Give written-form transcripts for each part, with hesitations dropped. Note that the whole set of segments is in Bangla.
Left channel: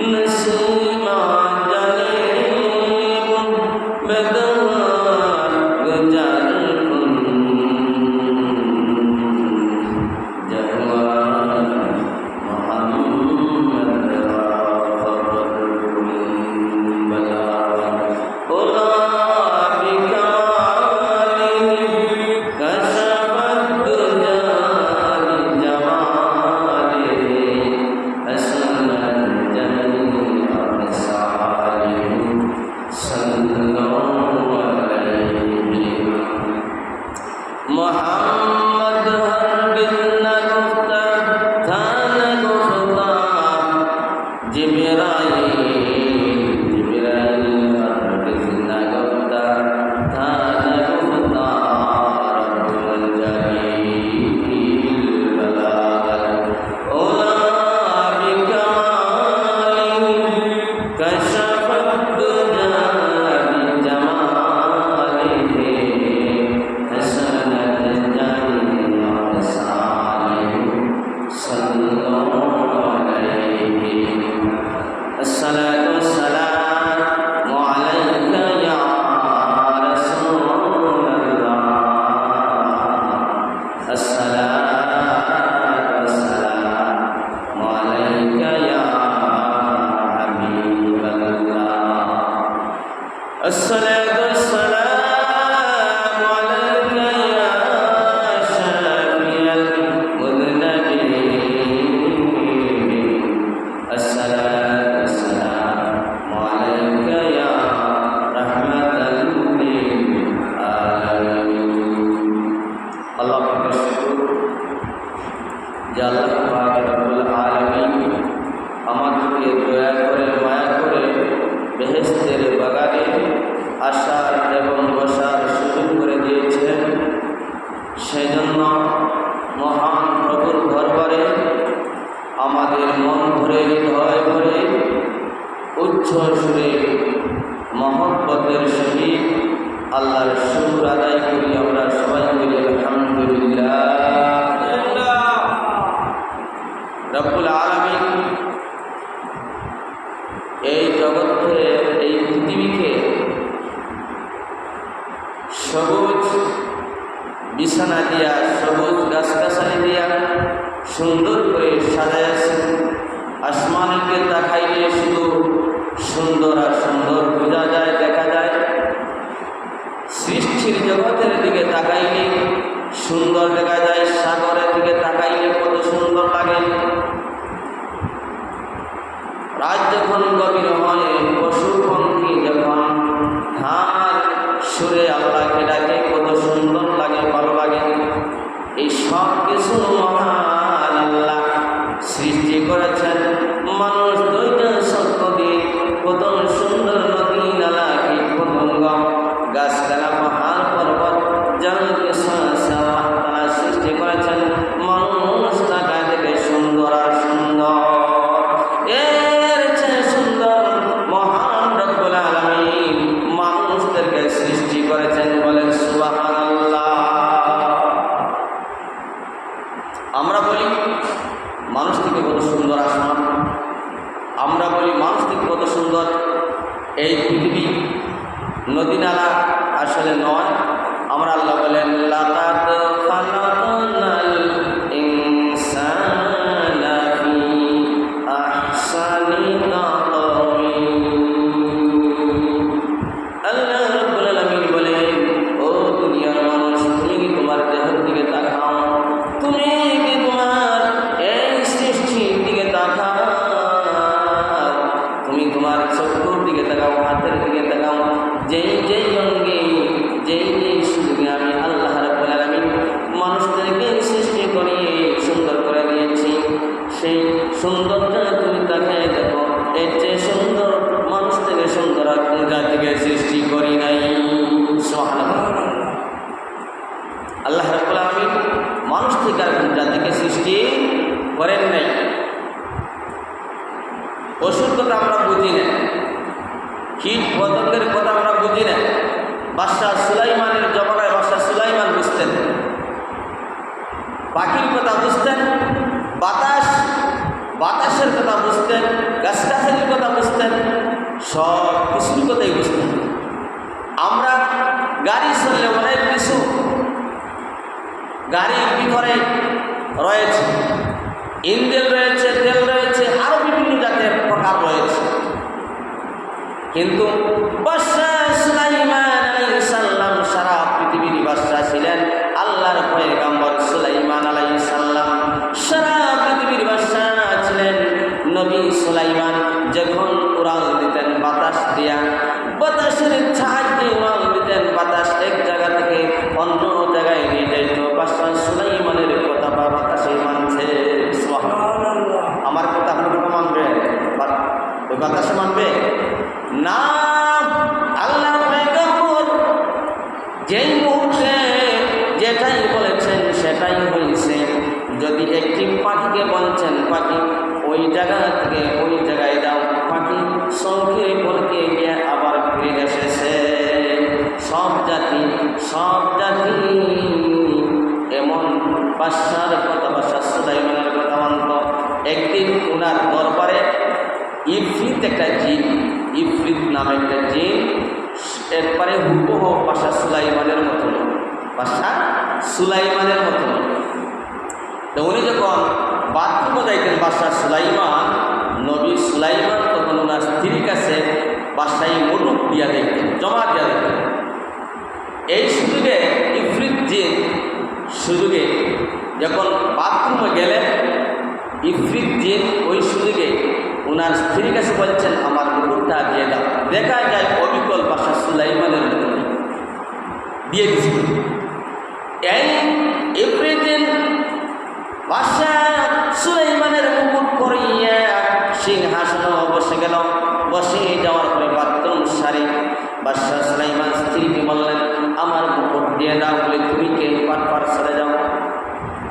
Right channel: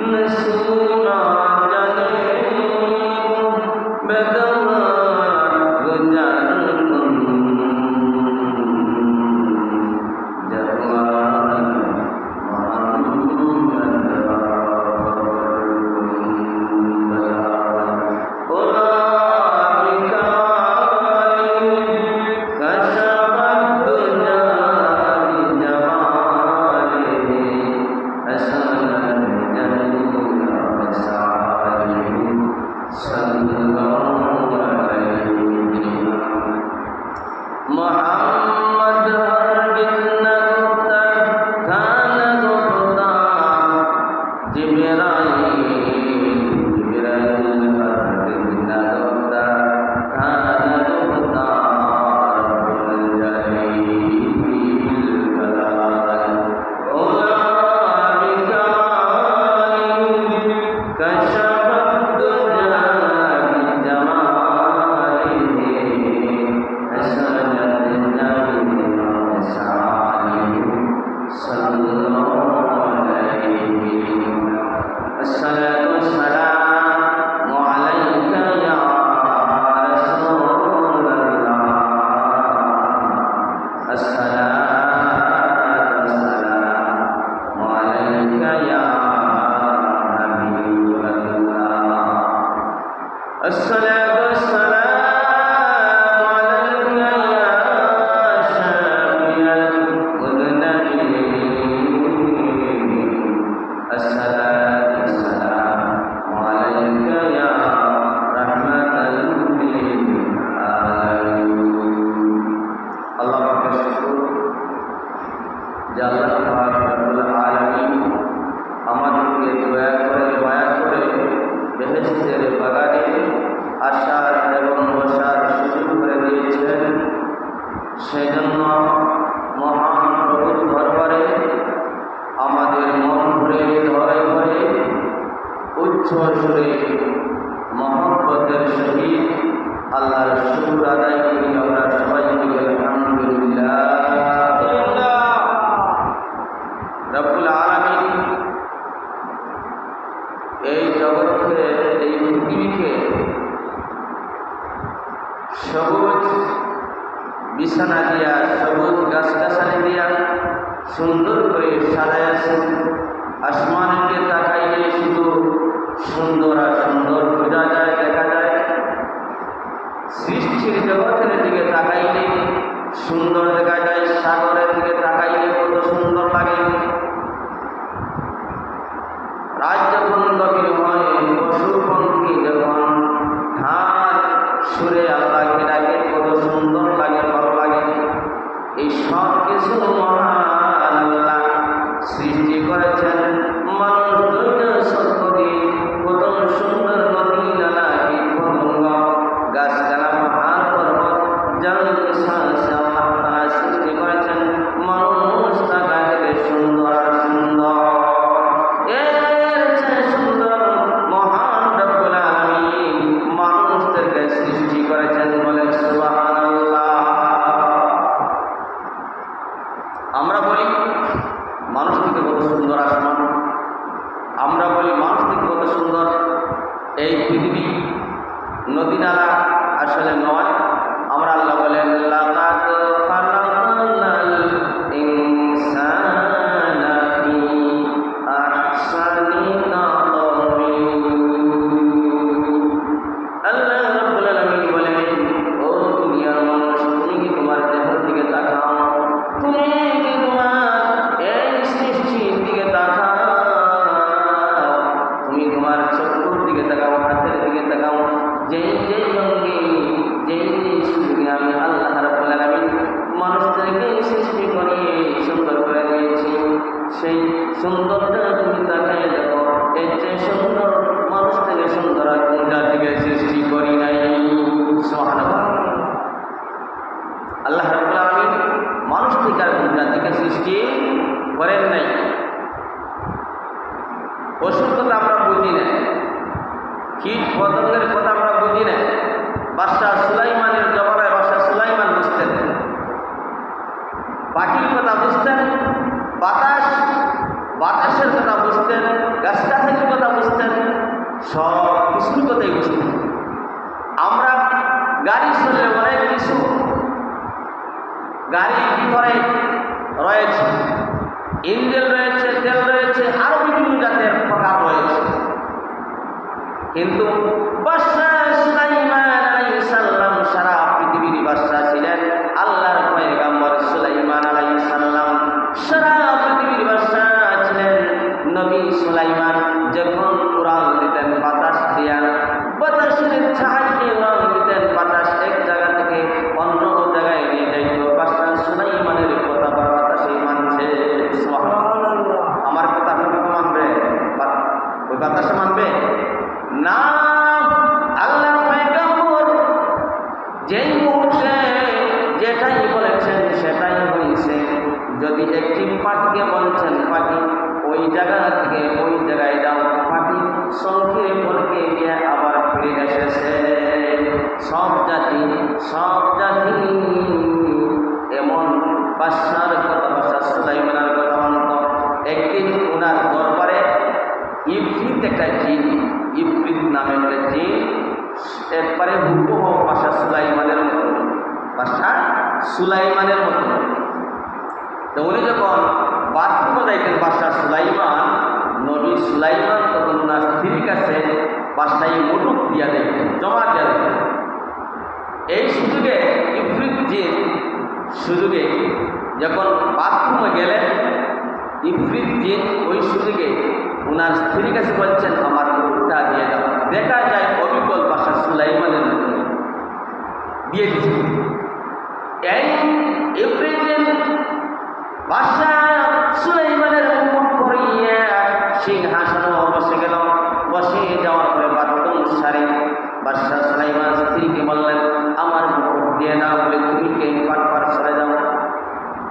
नसीमा जले बेगवान গাড়ি চললে অনেক কিছু গাড়ির ভিতরে রয়েছে, ইঞ্জিন রয়েছে, তেল রয়েছে, আরো বিভিন্ন জাতের প্রকার রয়েছে। কিন্তু বাদশা সুলাইমান আলাইহিস সালাম সারা পৃথিবীর বাদশা ছিলেন। আল্লাহর পয়গম্বর সুলাইমান আলাইহিস সালাম সারা পৃথিবীর বাদশা ছিলেন। নবী সুলাইমান যখন উড়াল দিতেন বাতাস দিয়া, বাতাসের সাহায্যে উড়াল দিতেন, বাতাস এক জায়গা থেকে অন্য জায়গায় নিয়ে যাইত। বাদশা সুলাইমানের কথা বাতাসে মানছে। সুবহানাল্লাহ। আমার কথা আপনারা মানবে? ওই বাতাসে মানবে না। আল্লাহর পয়গম্বর যেই মুহূর্তে যেটাই বলেছেন সেটাই হয়েছে। যদি একটি পাখিকে বলছেন পাখি ওই জায়গা থেকে ওই জায়গায় দাও, পাখি সঙ্গে বলকে গিয়ে আবার ফিরে এসেছে। সব জাতি এমন বাদশার কথা, বাদশা সুলাইমানের কথা মানত। একদিন ওনার দরবারে ইফরিত একটা জিন, ইফরিত নামে একটা জিন একবারে হুবহু বাদশা সুলাইমানের মতন, বাদশা সুলাইমানের মতন। তো উনি যখন বাথরুমে যাইতেন বাদশা সুলাইমান, নবী সুলাইমান তখন ওনার স্ত্রীর কাছে বাদশাহী মুলুক দিয়া দেখতেন, জমা দিয়া দেখতেন। এই সুযোগে ইফরিত জিন সুযোগে যখন বাথরুমে গেলেন, ইফরিত জিন ওই সুযোগে ওনার স্ত্রীর কাছে বলছেন আমার মুকুটটা দিয়ে দাও। দেখা যায় অবিকল বাদশা সুলাইমানের মতো দিয়ে দিচ্ছে। এই ইফরিত জিন বাদশা সুলাইমানের মুকুট পরিয়ে সিংহাসনে বসে গেল। বসে যাওয়ার পরে বাথরুম সারি বাদশা সুলাইমান স্ত্রীকে বললেন আমার মুকুট দিয়ে দাও বলে তুমি কে? পাট সরে যাও।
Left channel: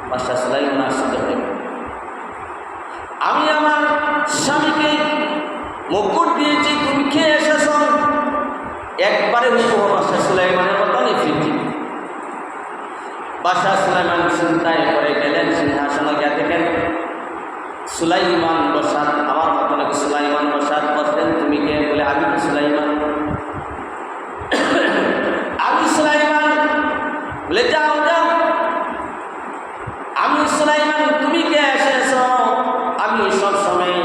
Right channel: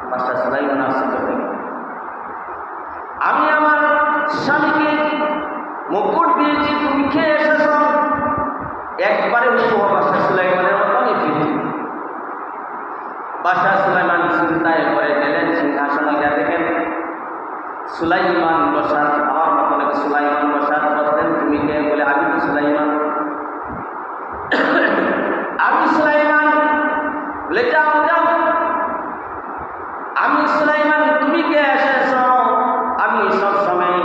বাদশা সুলাইমান আশ্চর্য হয়ে, আমি আমার স্বামীকে মুকুট দিয়েছি, তুমি খেয়ে এসেছ? একবারে হুবহু বাদশা সুলাইমানের মতন ফিরছি। বাদশা সুলাইমান চিন্তায় পড়ে গেলেন, সিংহাসনে গিয়ে দেখেন সুলাইমান বসাত, আমার মতো নাকি সুলাইমান বসাত। বসলেন তুমি কে? বলে আমি সুলাইমান। আমি সুলাইমান। বলে যাও যাও, আমি সুলাইমান, তুমি কে এসেছ? আমি সবসময়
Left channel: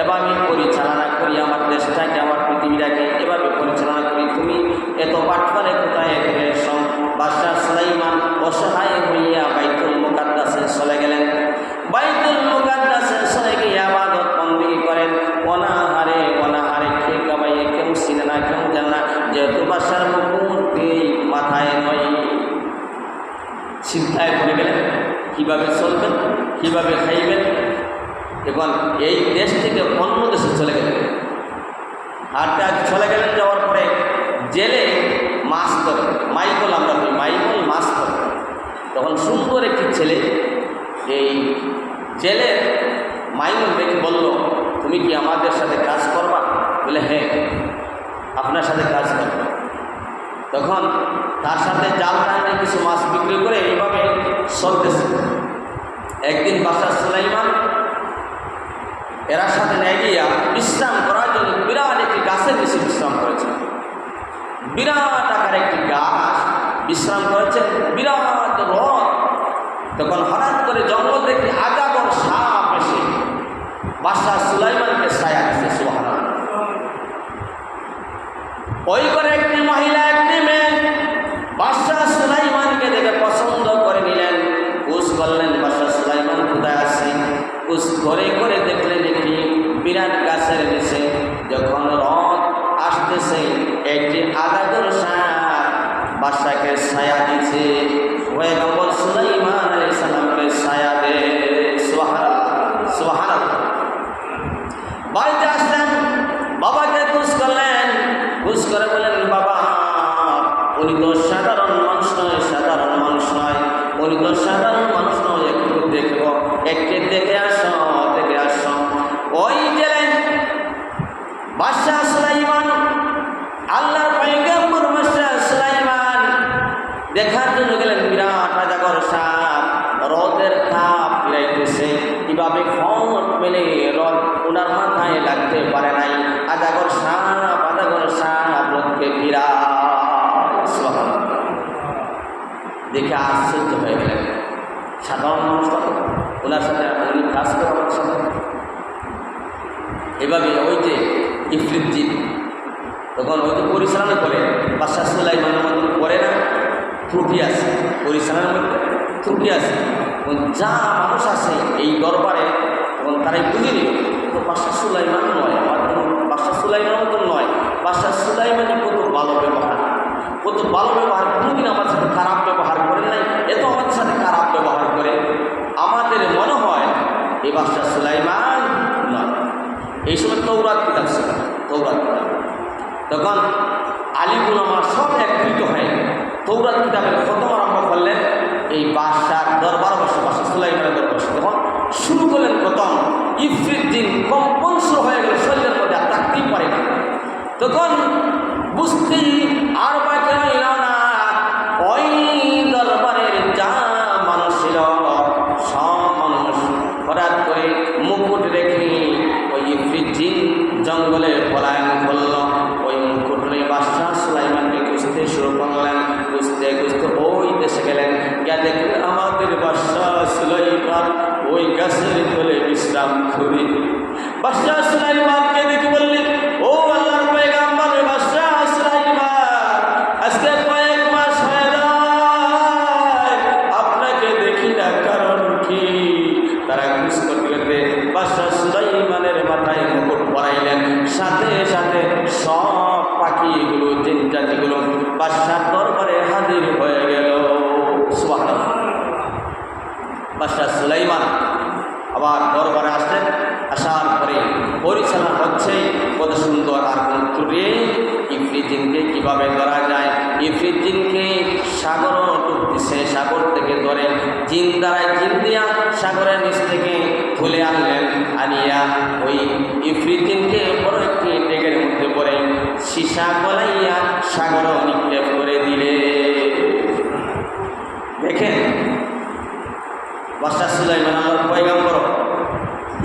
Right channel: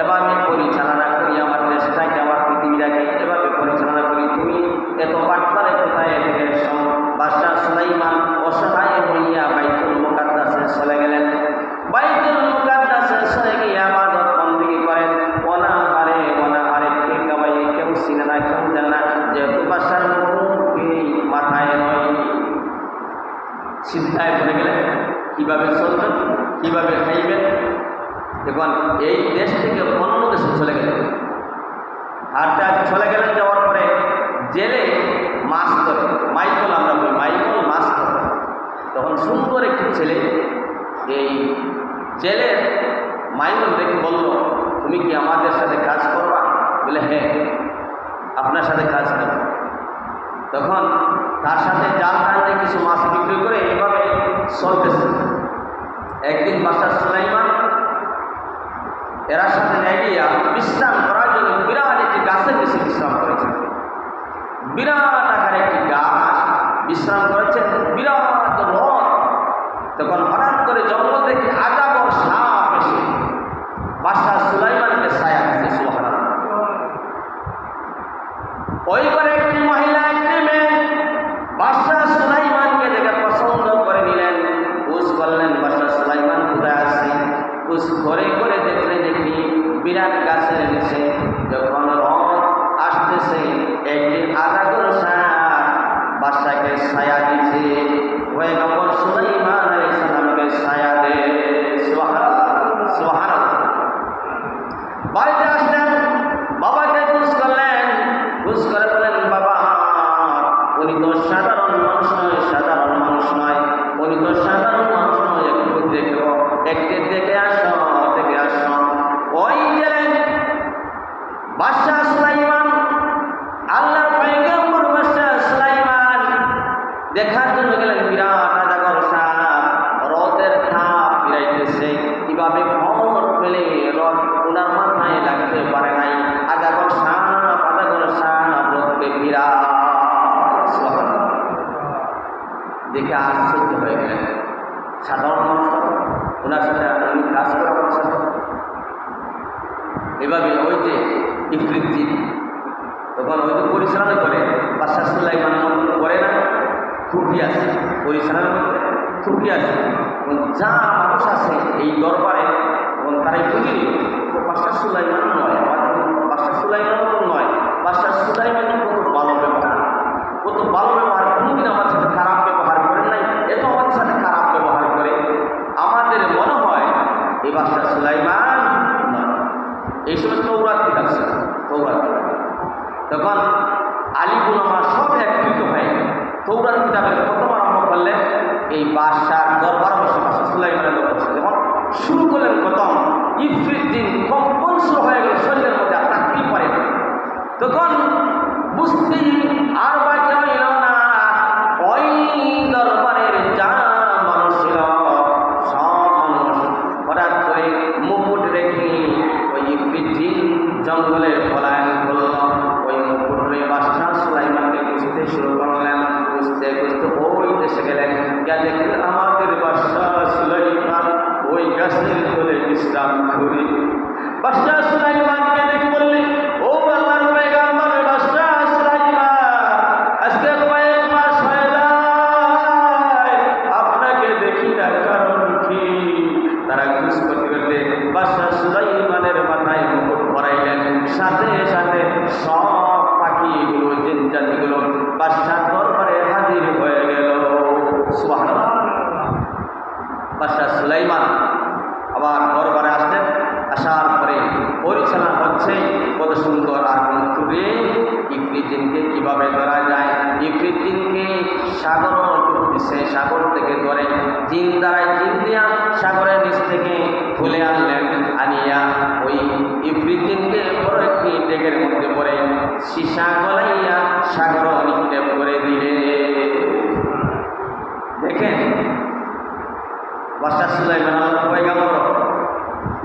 এভাবে পরিচালনা করি আমার দেশটাকে, আমার পৃথিবীটাকে এভাবে পরিচালনা করি। তুমি এত বাটপারে কোথায় এসো? বাদশা সুলাইমান অসহায় হইয়া বাইতুল মুকাদ্দাসে চলে গেলেন। বাইতুল মুকাদ্দাসে চলে গিয়ে ইবাদত বন্দেগী করেন। অনাহারে খেয়ে কামাইয়ে কেউ চিনে না, কেউ জানে না, যেহেতু বাদশার মুকুট মাথায় নয়। চিন্তায় পড়ে গেলেন কীভাবে চলবেন, কীভাবে খাইবেন। এখন এই দেশ থেকে অন্য দেশে চলে গেলেন। আর চলে গেলেন, যাওয়ার পরে জেলে মাছ ধরে, মাইকল আমরা বলি, মাইকল মাছ ধরে। তখন সুন্দর একটি ছেলে এই জেলের মাইকল দেখে বলল তুমি কি আমাদের সাথে কাজ করবা? বলে হ্যাঁ আপনার সাথে কাজ করব। তখন তার সাথে জাল টাইমে কিছু মাছ বিক্রি করে এইভাবে চলতেছে। একদিন বাদশা সুলাইমান এরা সাথে নিয়ে গিয়া বিশ্রাম করার জন্য বিরাট একটি গাছের নিচে বিশ্রাম করেছেন। বিরাট আকার একটি গাছ বিশ্রাম করেছেন, বিরাট রথ। তখন হঠাৎ করে জঙ্গল থেকে আগাগর সাপ এসে বাদশা সুলাইমানকে ছায়া দিচ্ছে। সুবহানাল্লাহ। ওই করে একটি মহিলা, একটি মেয়ে বাদশা সুলাইমানকে দেখে পছন্দ করে নিলেন। খোঁজ করলেন বাদশা সুলাইমান কোথায় আছে। খোঁজ করে দেখলেন একটি বিরাট গাছের নিচে যখন রথ আসতেছে একটি আগাগর সাপ বাদশাকে ছায়া দিচ্ছে। পয়গম্বর সুলাইমান আলাইহিস সালামকে ছায়া দে। সুবহানাল্লাহ, সুবহানাল্লাহ। বাড়িতে আসলেন, বাবাকে খোঁজ করলেন। খোঁজ করে বলেন বাবা উনি তো সাধারণ মানুষ নয়, সাধারণ মানুষ নয়, উনি তো সাধারণ মানুষ নয়, একটু দেখব, একটু দেখে আসো, দেখে আসো। ওই গেলেন বাদশা সুলাইমান, আল্লাহর পয়গম্বর বাদশা সুলাইমান দেখার জন্য গেলেন। বিরাট আজাগর সাপ রথের তাপ ফিরাইতেছে, কিভাবে ফল মেলে রথ ওনার মাথায় লাগতে পারে নাই। আজাগর সাপ রথকে ফিরা। দেখে আশ্চর্য হয়ে গেলেন। সাধারণ মানুষটা তো ওনার সাথে এমনি কাজ করে আমাদের সাথে এভাবে ওই যে ইফরিত জিন তখন ওই যে পরিচালনা করে বাদশাহ সুলাইমানের মধ্যে করে না, ত্রুটি আছে পরিচালনার মধ্যে, ত্রুটি আছে। যা মানুষ আছে এই দরবারে তখন তারাই বুঝে নিল তো বাদশাহ সুলাইমান নয়, বাদশাহ সুলাইমানের মতন নয়, বাদশাহ সুলাইমানের কত ভালো ব্যবহার, কত ভালো ব্যবহার, কোনোদিন আমার সাথে খারাপ ব্যবহার করে নাই, এত আমাদের সাথে খারাপ ব্যবহার করে আমাদের মনে হয় এই বাদশাহ সুলাইমান নয়। এই সময় তৌরাত কিতাব ছিল, তৌরাত কিতাব তখন আলী উলামা সব একত্রিত হয়ে তৌরাত কিতাবের খতম আরম্ভ করলেন এই বাদশার দরবার বসে, বাদশাহ সুলাইমানের দরবার বসে যখন শুরু করলেন খতম, ইফরিত জিন কম্পন শুরু হয়ে গেল শরীরের মধ্যে, আর থাকতেই পারে না। তখন বুঝতেই আর বাকি রইল না, ওই দরবারের যা মানুষ ছিল সব মানুষ হঠাৎ করে মুকুট রেখে ওই ইফরিত জিন জঙ্গলে পলায়ন করল। ওই মুকুট নিয়ে বাদশাহ সুলাইমানকে খুঁজতে শুরু করলেন, খুঁজতে খুঁজতে ওই দেশে গেলেন, গিয়ে দেখলেন আমাদের বাদশাহ সুলাইমান ওই গাছের তলে বিশ্রাম করে। বাদশাহ সুলাইমানকে দেখে বললেন, ও আল্লাহর পয়গম্বর বাদশাহ সুলাইমান, আজকে কয়েক মাস হয়ে যায় আপনাকে দেখি না, কারণ কি? তারা খুঁজ করতে করতে বাদশাহ সুলাইমানের মাথায় মুকুট পরাইলেন, সাথে সাথে সব পাখিগুলো জিন জাতিগুলো বাদশার দরবারে হাজির হয়ে গেল। সুবহানাল্লাহ। বাদশাহ সুলাইমান আবার দরবারে আসলেন, আসার পরে পরিচালনা হচ্ছে কত সুন্দর, আর কোন ত্রুটি ইফরিত জিনকে কীভাবে ধরা যায়, ইফরিত জিনকে সাগরও ডুবতেছে, সাগর থেকে ধরে জিন দ্বারায় জিন দিয়া সাগরের নিচ থেকে তুলে আনলেন, আনিয়া ওই ইফরিত জিনকে বড় একটি ডেকের মধ্যে পড়ে সীসা গলাইয়া সাগরও নিক্ষেপ করে দিলে। দেখেন বাদশাহ সুলাইমান আল্লাহর পয়গম্বর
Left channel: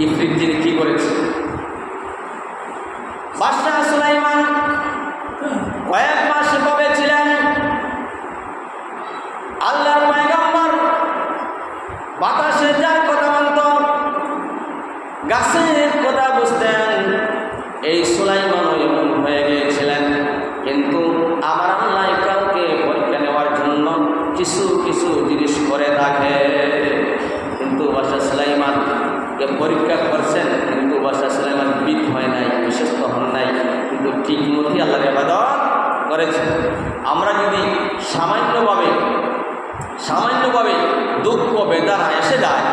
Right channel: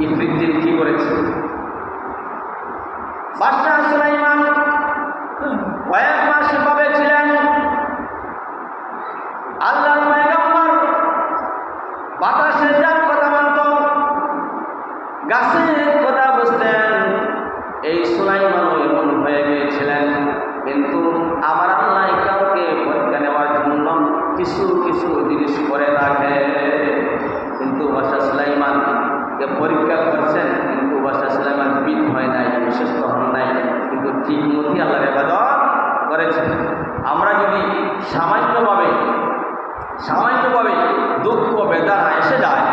ইফরিত জিন কি করেছে। বাদশাহ সুলাইমান কয়েক মাস এভাবে ছিলেন, আল্লাহর পয়গম্বর বাতাসে যার কথা মানত, গাছের কথা বুঝতেন, এই সুলাইমানও এমন হয়ে গিয়েছিলেন। কিন্তু আবার আল্লাহ কাউকে পরীক্ষা নেওয়ার জন্য কিছু কিছু জিনিস করে থাকে। কিন্তু বাদশাহ সুলাইমানকে পরীক্ষা করছেন, কিন্তু বাদশাহ সুলাইমান বিদ হয় নাই, বিশ্বস্ত হন নাই, কিন্তু ঠিক মতোই আল্লাহর ইবাদত করেছেন। আমরা যদি সামান্যভাবে দুঃখ বেদনা এসে যায়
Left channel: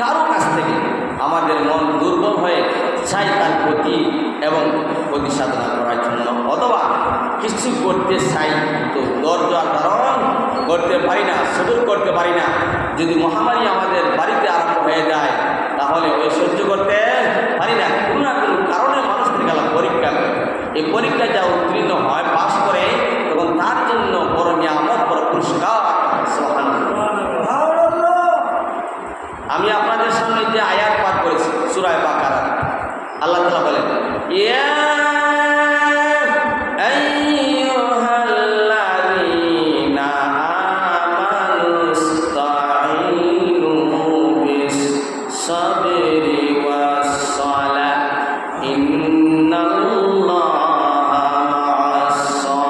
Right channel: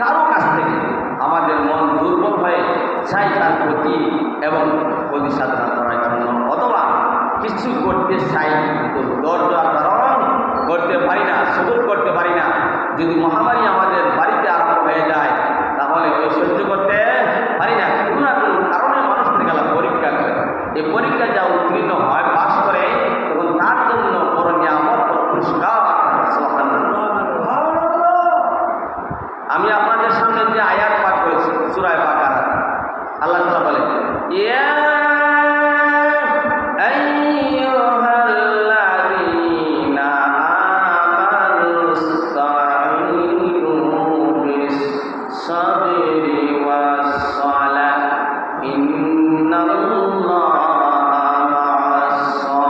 কারো কাছ থেকে, আমাদের মন দুর্বল হয়ে চাই তার প্রতি এবং প্রতি সাধনা করার জন্য, অথবা কিছু করতে চাই কিন্তু ধৈর্য ধারণ করতে পারি না, সবুর করতে পারি না। যদি মহামারী আমাদের বাড়িতে আরম্ভ হয়ে যায় তাহলে ওই সহ্য করতে পারি না, কোনো না কোনো কারণে মানুষ থেকে পরীক্ষা করে, এই পরীক্ষা যা উত্তীর্ণ হয় পাশ করে তখন তার জন্য বড় নিয়ামত, বড় পুরস্কার। আমি আপনাদের সামনে যে আয়াত পাঠ করেছি সূরা বাকারা, আল্লাহ তাআলা বলেন, ইয়া আইয়ুহাল্লাযীনা আমানুস্তাঈনু বিস-সাবরি ওয়াস-সালাহ ইন্নাল্লাহা মা'আস-সাবিরিন।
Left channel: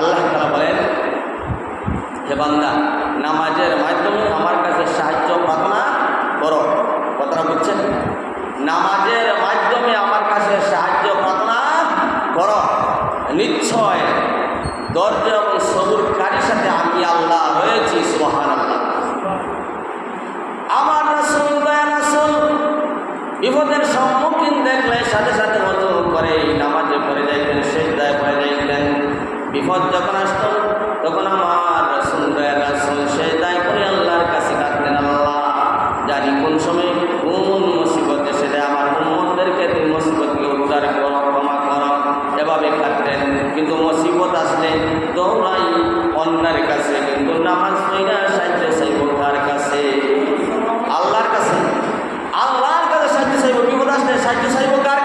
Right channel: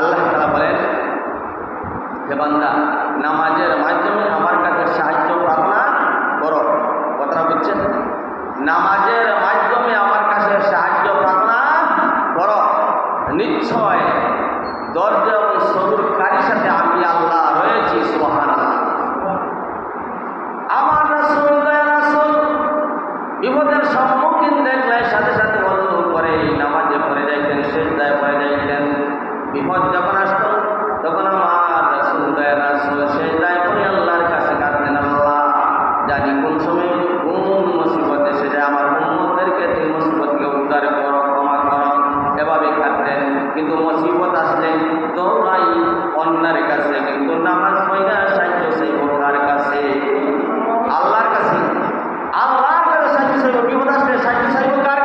আল্লাহ তাআলা বলেন, হে বান্দা, নামাজের মাধ্যমে আমার কাছে সাহায্য প্রার্থনা করো। কথাটা বুঝছেন? নামাজের মাধ্যমে আমার কাছে সাহায্য প্রার্থনা করো, নিশ্চয় ধৈর্য এবং সবুরকারীর সাথে আমি আল্লাহ রয়েছি। সুবহানাল্লাহ। আমার রাসূল, দয়ার রাসূল বিপদের সম্মুখীন দেখলে সাথে সাথে ওযু করে নামাজে পড়ে যাইতেন, সিজদায় পড়ে যাইতেন। বিপদ যখন আসত তখন আমার রাসূল, দয়ার রাসূল সিজদায় পড়ে আল্লাহর কাছে কাঁদতেন, আল্লাহ জানি কোন সময় কোন মুসিবত এসে যায়, আমার উম্মতদেরকে তুমি মুসিবতকে উদ্ধার করো, ক্ষমা করো, এভাবে কাঁদতেন। কিন্তু মুসিবত আসলে দৌড়াই অন্যের কাছে, কিন্তু নামাজ পড়া সাহায্য চাইব কার কাছে? আল্লাহর কাছে। আল্লাহর কাছে সাহায্য চাইব। বিপদ আসলে সাহায্য চাইব কার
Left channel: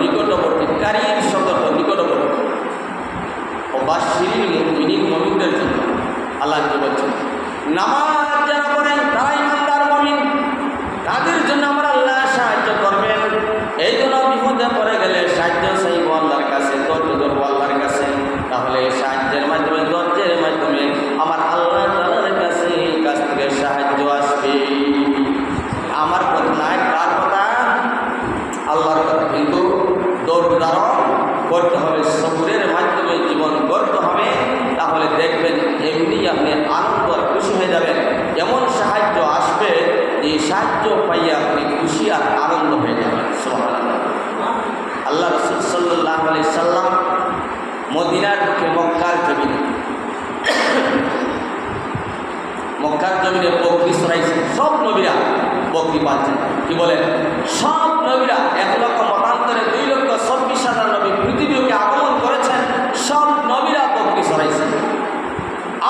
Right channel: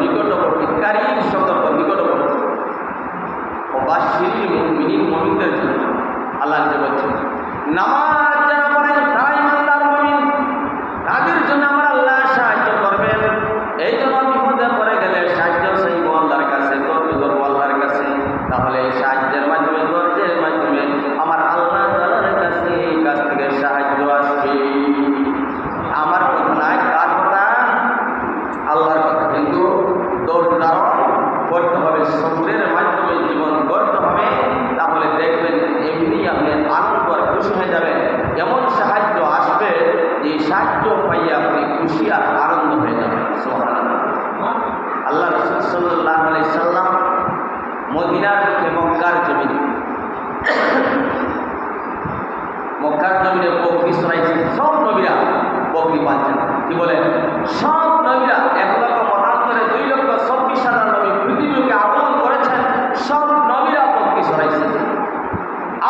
নিকটবর্তী, কারীব সতর্ক নিকটবর্তী। ও বাশশিরিল মুমিনিন, মুমিনদের জন্য আল্লাহ কি বলছেন, নামাজ যারা পড়েন তারা ইমানদার মুমিন, তাদের জন্য আমার আল্লাহ সাহায্য করবেন। এই জন্য বিপদে পড়ে গেলে সাহায্য চাইব আল্লাহর কাছে, ধৈর্য ধরবো আল্লাহর কাছে। তাহলে সাহায্যের মাধ্যমে, ধৈর্যের মাধ্যমে আমার আল্লাহ তাআলার কাছ থেকে সাহায্য আসবে। আমার কথা নয়, কার কথা? আল্লাহর কথা। কিন্তু ধৈর্য ধারণ করতে হবে, সবুরের মাধ্যমে জীবন গড়তে হবে। তাহলে দেখবেন এমনি আপনি আনন্দ আর খুশি হয়ে যাবেন। এমন সাহায্য আসবে যে সাহায্য পাইয়ে আপনি খুশি আর আনন্দ হয়ে যাবেন। সুবহানাল্লাহ। আল্লাহ রাসূল সাল্লাল্লাহু আলাইহি সাল্লাম মদিনার মুখে মক্কার জমিনে বকরি চড়াইছেন। সব নবীরা বকরি পাচ্ছেন। কি বলেন? সব নবীরা 1,00,000 মতান্তরে 2,26,000 নবী পৃথিবীকে আগমন করেছেন। সব নবীরা বকরি চড়াইছেন।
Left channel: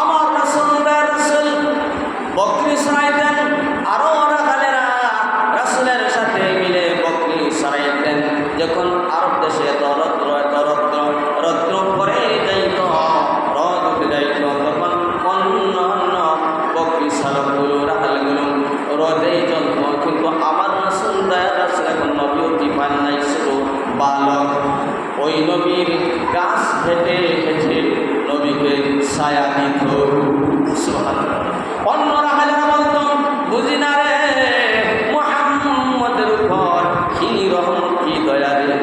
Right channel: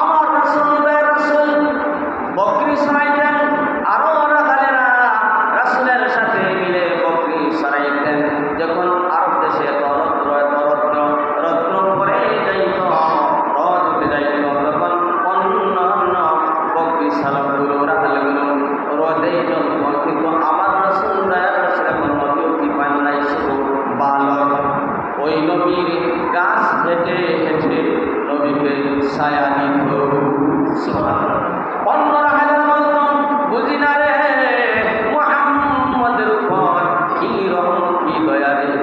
আমার রাসূল বকরি চড়াইতেন, আরও রাখালেরা রাসূলের সাথে মিলে বকরি চড়াইতেন। যখন আরব দেশে রৌদ্র পরে যাইত, রদ উঠে যাইত, তখন অন্য বকরি চালকগুলো, রাখালগুলো রোদে জ্বলত। কিন্তু আমার রাসূল এখন নবী অতি পান নাই, শুধু বালক। ওই নবীর গাছ হেঁটে হেঁটে নবীকে ছায়া দিত। অন্য রাখালেরা বলতেন, বুঝি না রে মুহাম্মদের উপর কি রহমত, কি দয়া রে,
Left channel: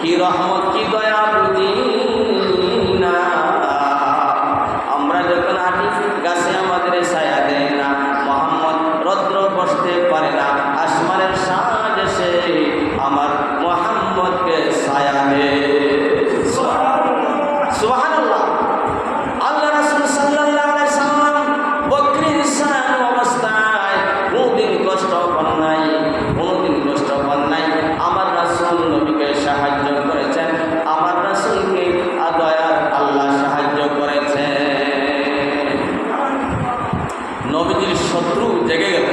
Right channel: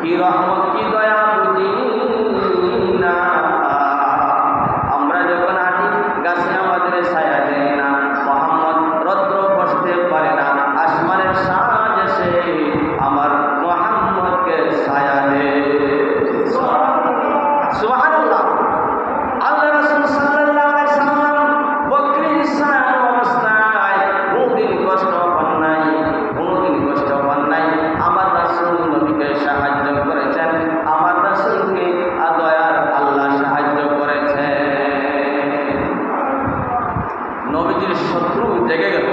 কি রহমত, কি দয়া বুঝি না। আমরা যখন হাঁটি গাছে আমাদের ছায়া দেয় না, মুহাম্মদ রৌদ্র বসতে পারে না, আসমানের সাজ এসে আমার মুহাম্মদকে ছায়া দেয়। সুবহানাল্লাহ। আল্লাহ রাসূল সাল্লাল্লাহু আলাইহি সাল্লাম বকরি চড়ানো অবস্থায় কোনদিন কষ্ট পান নাই, কোনদিন কষ্ট পান নাই। আমার রাসূল নবীকে সাহায্য করেছেন, আমার রাসূলকে দয়ার আল্লাহ সাহায্য করেছেন। নবীজির শত্রু জেগে গেল।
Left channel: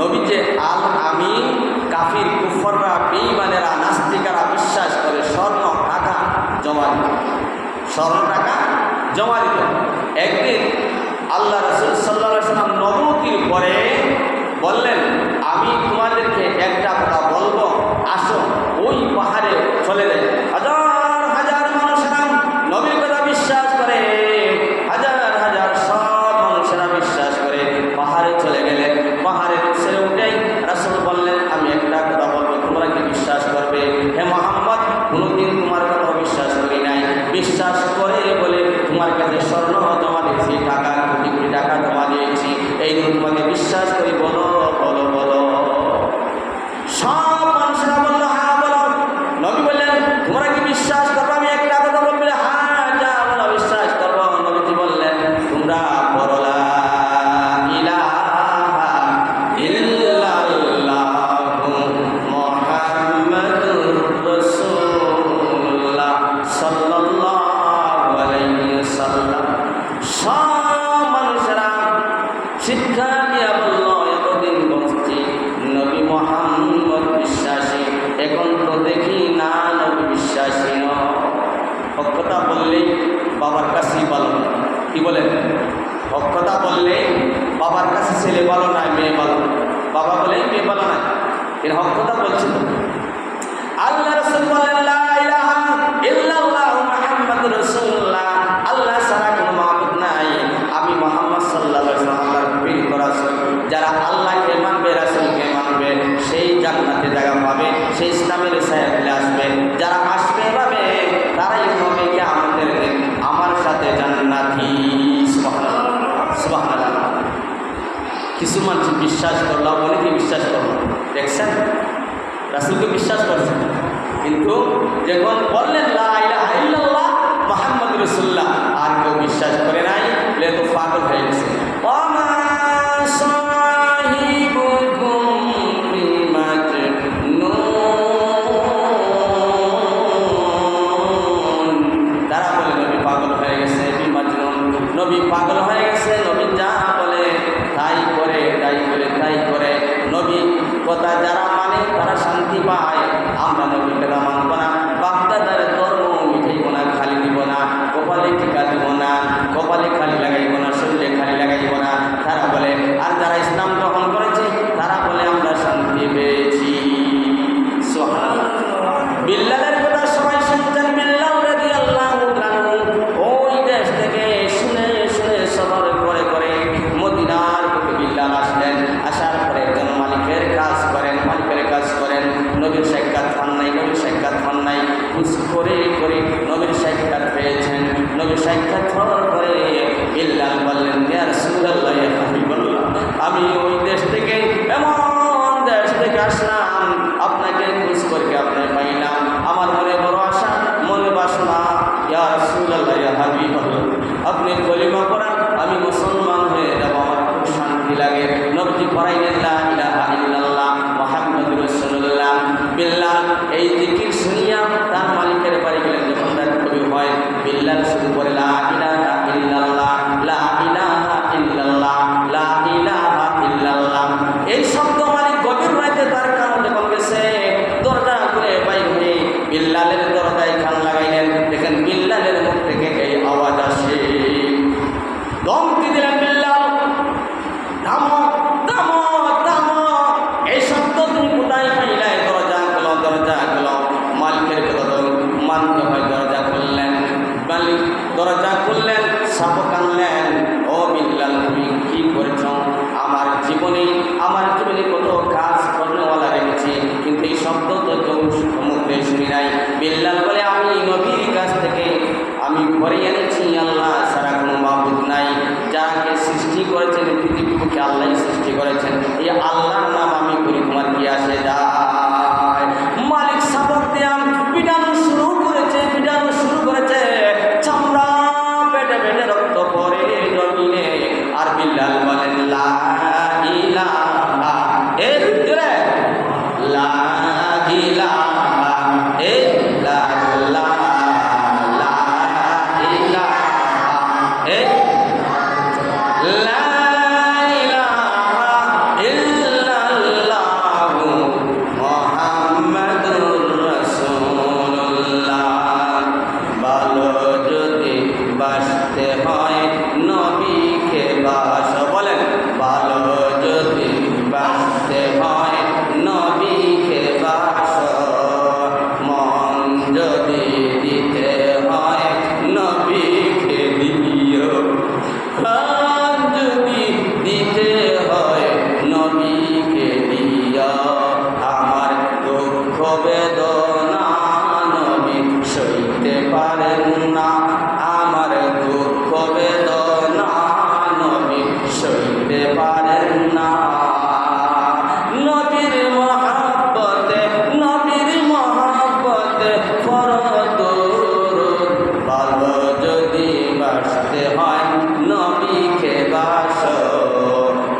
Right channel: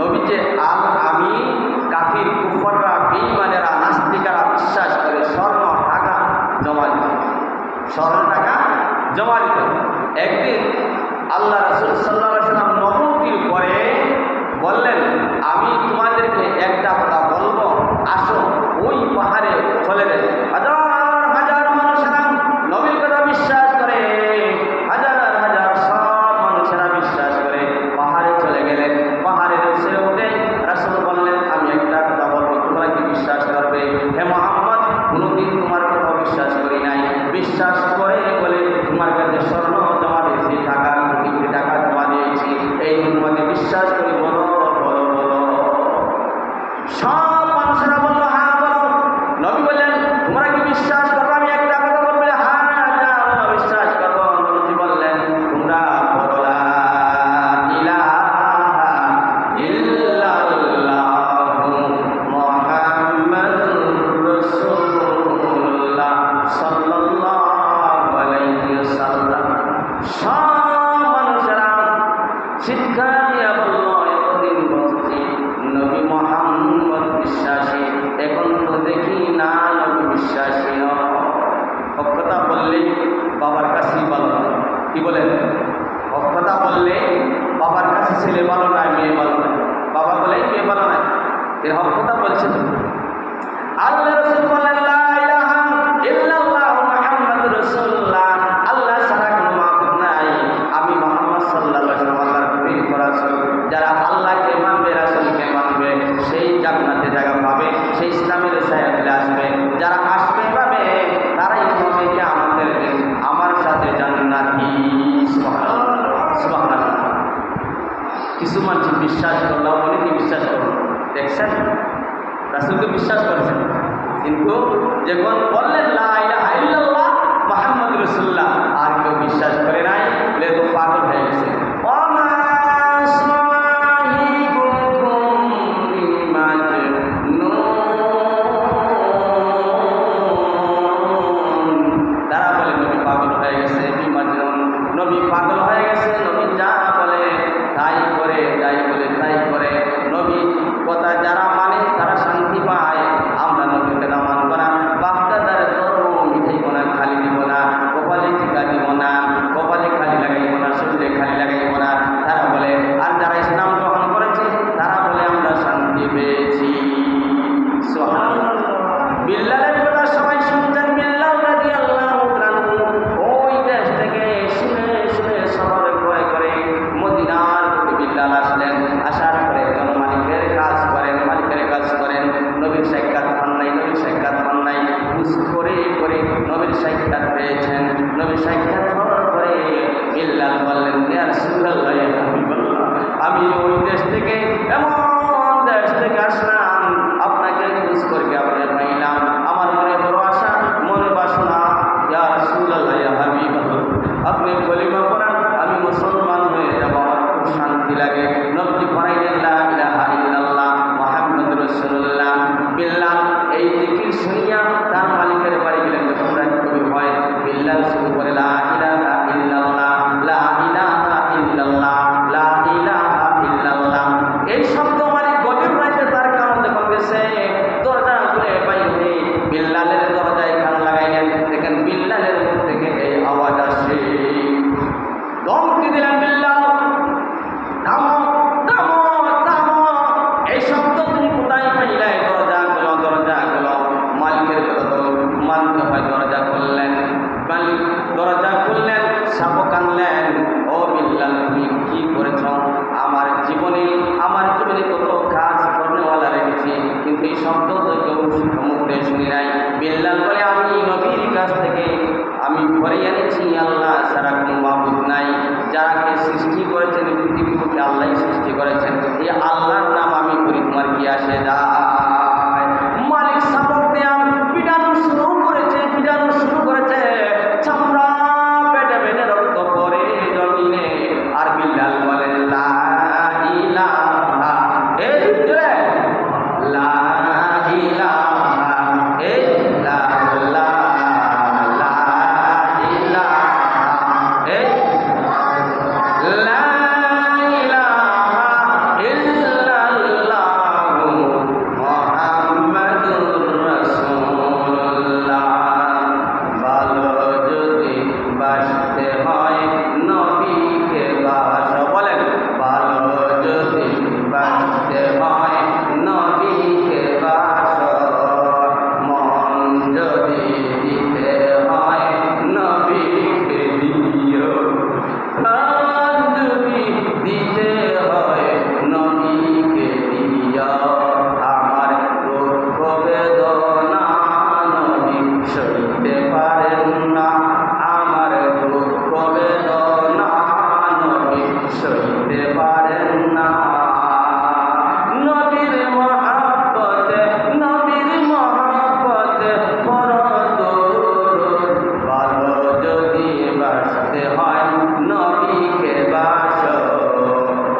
নবীকে আল আমিন, কাফির কুফররা, বেঈমানেরা, নাস্তিকেরা বিশ্বাস করে স্বর্ণ টাকা জমা দিত, স্বর্ণ টাকা জমা দিত। একদিন আল্লাহ রাসূল সাল্লাল্লাহু আলাইহি ওয়াসাল্লাম নবুয়তির পরে বললেন, আমি তোমাদেরকে একটা কথা বলবো, আসো। ওই পাহাড়ে চলে গেলেন। হাজার হাজার মানুষেরা নবীর কথা বিশ্বাস করে, হাজার হাজার সব মানুষেরা বিশ্বাস করে পাহাড়ে চলে গেলেন। পাহাড়ে ছেড়ে উঠে রাসূল বললেন, আমি একটা কথা বলবো, তোমরা কি বিশ্বাস করবে? হে মুহাম্মদ, কোনোদিন তোমার কথা বিশ্বাস করি নাই, বিশ্বাস করে বলে তোমার কাছে স্বর্ণ জমা দিয়েছি, টাকা, কোটি কোটি টাকা জমা দিয়েছি, এই তোমাকে বিশ্বাস করি, বলো বলো বলো। সব মানুষেরা বললো, হ্যাঁ বলো। নবী বললেন, তোমরা কি বিশ্বাস করবো? আমি একটা কথা বলবে, হ্যাঁ যা বলো বিশ্বাস করবো। নবীজি বললেন, তোমরা বলো লা ইলাহা ইল্লাল্লাহু মুহাম্মাদুর রাসূলুল্লাহ সাল্লাল্লাহু আলাইহি ওয়াসাল্লাম। সব মানুষেরা শিক্ষা দিয়া বলল, এতদিন বলছি নবী মুহাম্মদ বিশ্বাসী, এখন তো দেখি না নবী বিশ্বাসী নয়। হক কথা বললে বাবার কাছেই ভালো না। কি বলেন? হক কথা বললে বাবার কাছে ছেলে ভালো না, মেয়ে ভালো না। বাবা বলে মেয়ে ভালো না, এর হক কথা বলছে না। আল্লাহ রাসূল বলেন, লা ইলাহা ইল্লাল্লাহু মুহাম্মাদুর রাসূলুল্লাহ, আল্লাহ ছাড়া কোনো মাবুদ নাই, আমি মুহাম্মদ সাল্লাল্লাহু আলাইহি ওয়াসাল্লাম আল্লাহর প্রিয় রাসূল। যারা আল্লাহকে মানবে, রাসূলকে মানবে, সেই জান্নাতে জায়গা পাবে, সেই ইসলামের ছায়াতলে আসবে। যারা আসবে পাবে, তারাই হবে কিয়ামতের দিন আমার সাথে জান্নাতি। সুবহানাল্লাহ, সুবহানাল্লাহ। কিছু মানুষ বিশ্বাস করলো, অনেকে বিশ্বাস করলো, দেখছেন রাসূলকে বিশ্বাস করছেন, কিন্তু যখন বললেন লা ইলাহা ইল্লাল্লাহ মুহাম্মাদুর রাসূলুল্লাহ, আর কেউ বিশ্বাস করে নাই, এ তো পাগল হয়ে গেছে। ওমা সাহিবুকুম বিমাজনুন, তারা বলে নবী পাগল হয়ে গেছে, বিমাজনুন, নবী পাগল হয়ে গেছে, নবী যা বলে তাই করে, তাই বলে তাই করে। নবী কথা যারা মানে তারা শান্তি পায়, আমরা নবীর কথা মানব না। করে করে নবীর সাক্ষাৎ পেয়েছেন। নবীর সাক্ষাৎ হওয়ার পরে বিল্লাল বললেন, ইয়া রাসূলুল্লাহ, ইয়া হাবিবাল্লাহ, আমি ওই দেশ থেকে, এমন দেশ থেকে আসলাম, আপনাকে খোঁজ করে আপনার পাইলাম। আমার মনে বড় আশা, মনে বাসনা, ইয়া রাসূলুল্লাহ, ইয়া হাবিবাল্লাহ, আপনি কলিমা পড়ান, আমি মুসলমান হয়ে যাব, আমার খুব শান্তি লাগে। নবীজি পড়াইলেন লা ইলাহা ইল্লাল্লাহ মুহাম্মাদুর রাসূলুল্লাহ। বিল্লাল এই জিকির শুনিয়া তার মালিকের বাড়ি গেলেন। যখন রাত কবির হয়, বিল্লাল শুরু করে লা ইলাহা ইল্লাল্লাহ, লা ইলাহা ইল্লাল্লাহ, লা ইলাহা ইল্লাল্লাহ। এই শব্দ মালিক গভীর রাতে তার কারণ যখন গেছে, দরজা খুলে বাইর হয়ে বিল্লালের দরজায় কান লাগাইলেন। দেখেন বিল্লালের মুখ থেকে এই আওয়াজ আসে। দমকি দিলেন বিল্লাল, থামো থামো থামো, এই শব্দ তুমি কোথায় পাইলে? দরজা খুলো। মালিকের কথা তো মানতে হয়। দরজা খুললেন, মালিক দরজা খুললেন, শাবক আনলেন। ও বিল্লাল, তুমি কি করেছ? আমার জীবনে কত কাজ করনেওয়ালা রেখেছি, কিন্তু এই শব্দ তো কেউ মুখে শুনি নাই। বিল্লাল বলে, আমি নবীর কাছ থেকে আমি ঘরে এনেছি, আল্লাহ ছাড়া কোনো মাবুদ নাই। যাকে সৃষ্টি করেছেন পৃথিবীকে আল্লাহ সৃষ্টি করেছেন, এই আল্লাহর নাম আমি করি, তোমার কি আসে যায়? মালিক শাবক দিয়া পিটানো শুরু করেছে, চামড়া পেটে পেটে রক্ত পরে জমিনে। আর বিল্লাল বলেন লা ইলাহা ইল্লাল্লাহ, লা ইলাহা ইল্লাল্লাহ, লা ইলাহা ইল্লাল্লাহ, বাসতে হয় নবীকে বাস। বলেন, ভালো যদি বাসতে হয় নবীকে বাস, মন যদি দিতে হয় নবীকে দিও, প্রাণ যদি দিতে হয় নবীকে দিও। আমার দুঃখ বেদনা নবী সইতে পারেন না, আমার দুঃখ বেদনা নবী সইতে পারেন না। নবীর মহাব্বতে ফরজ দরুদ, ভালো যদি বাসতে হয় নবীকে বাস,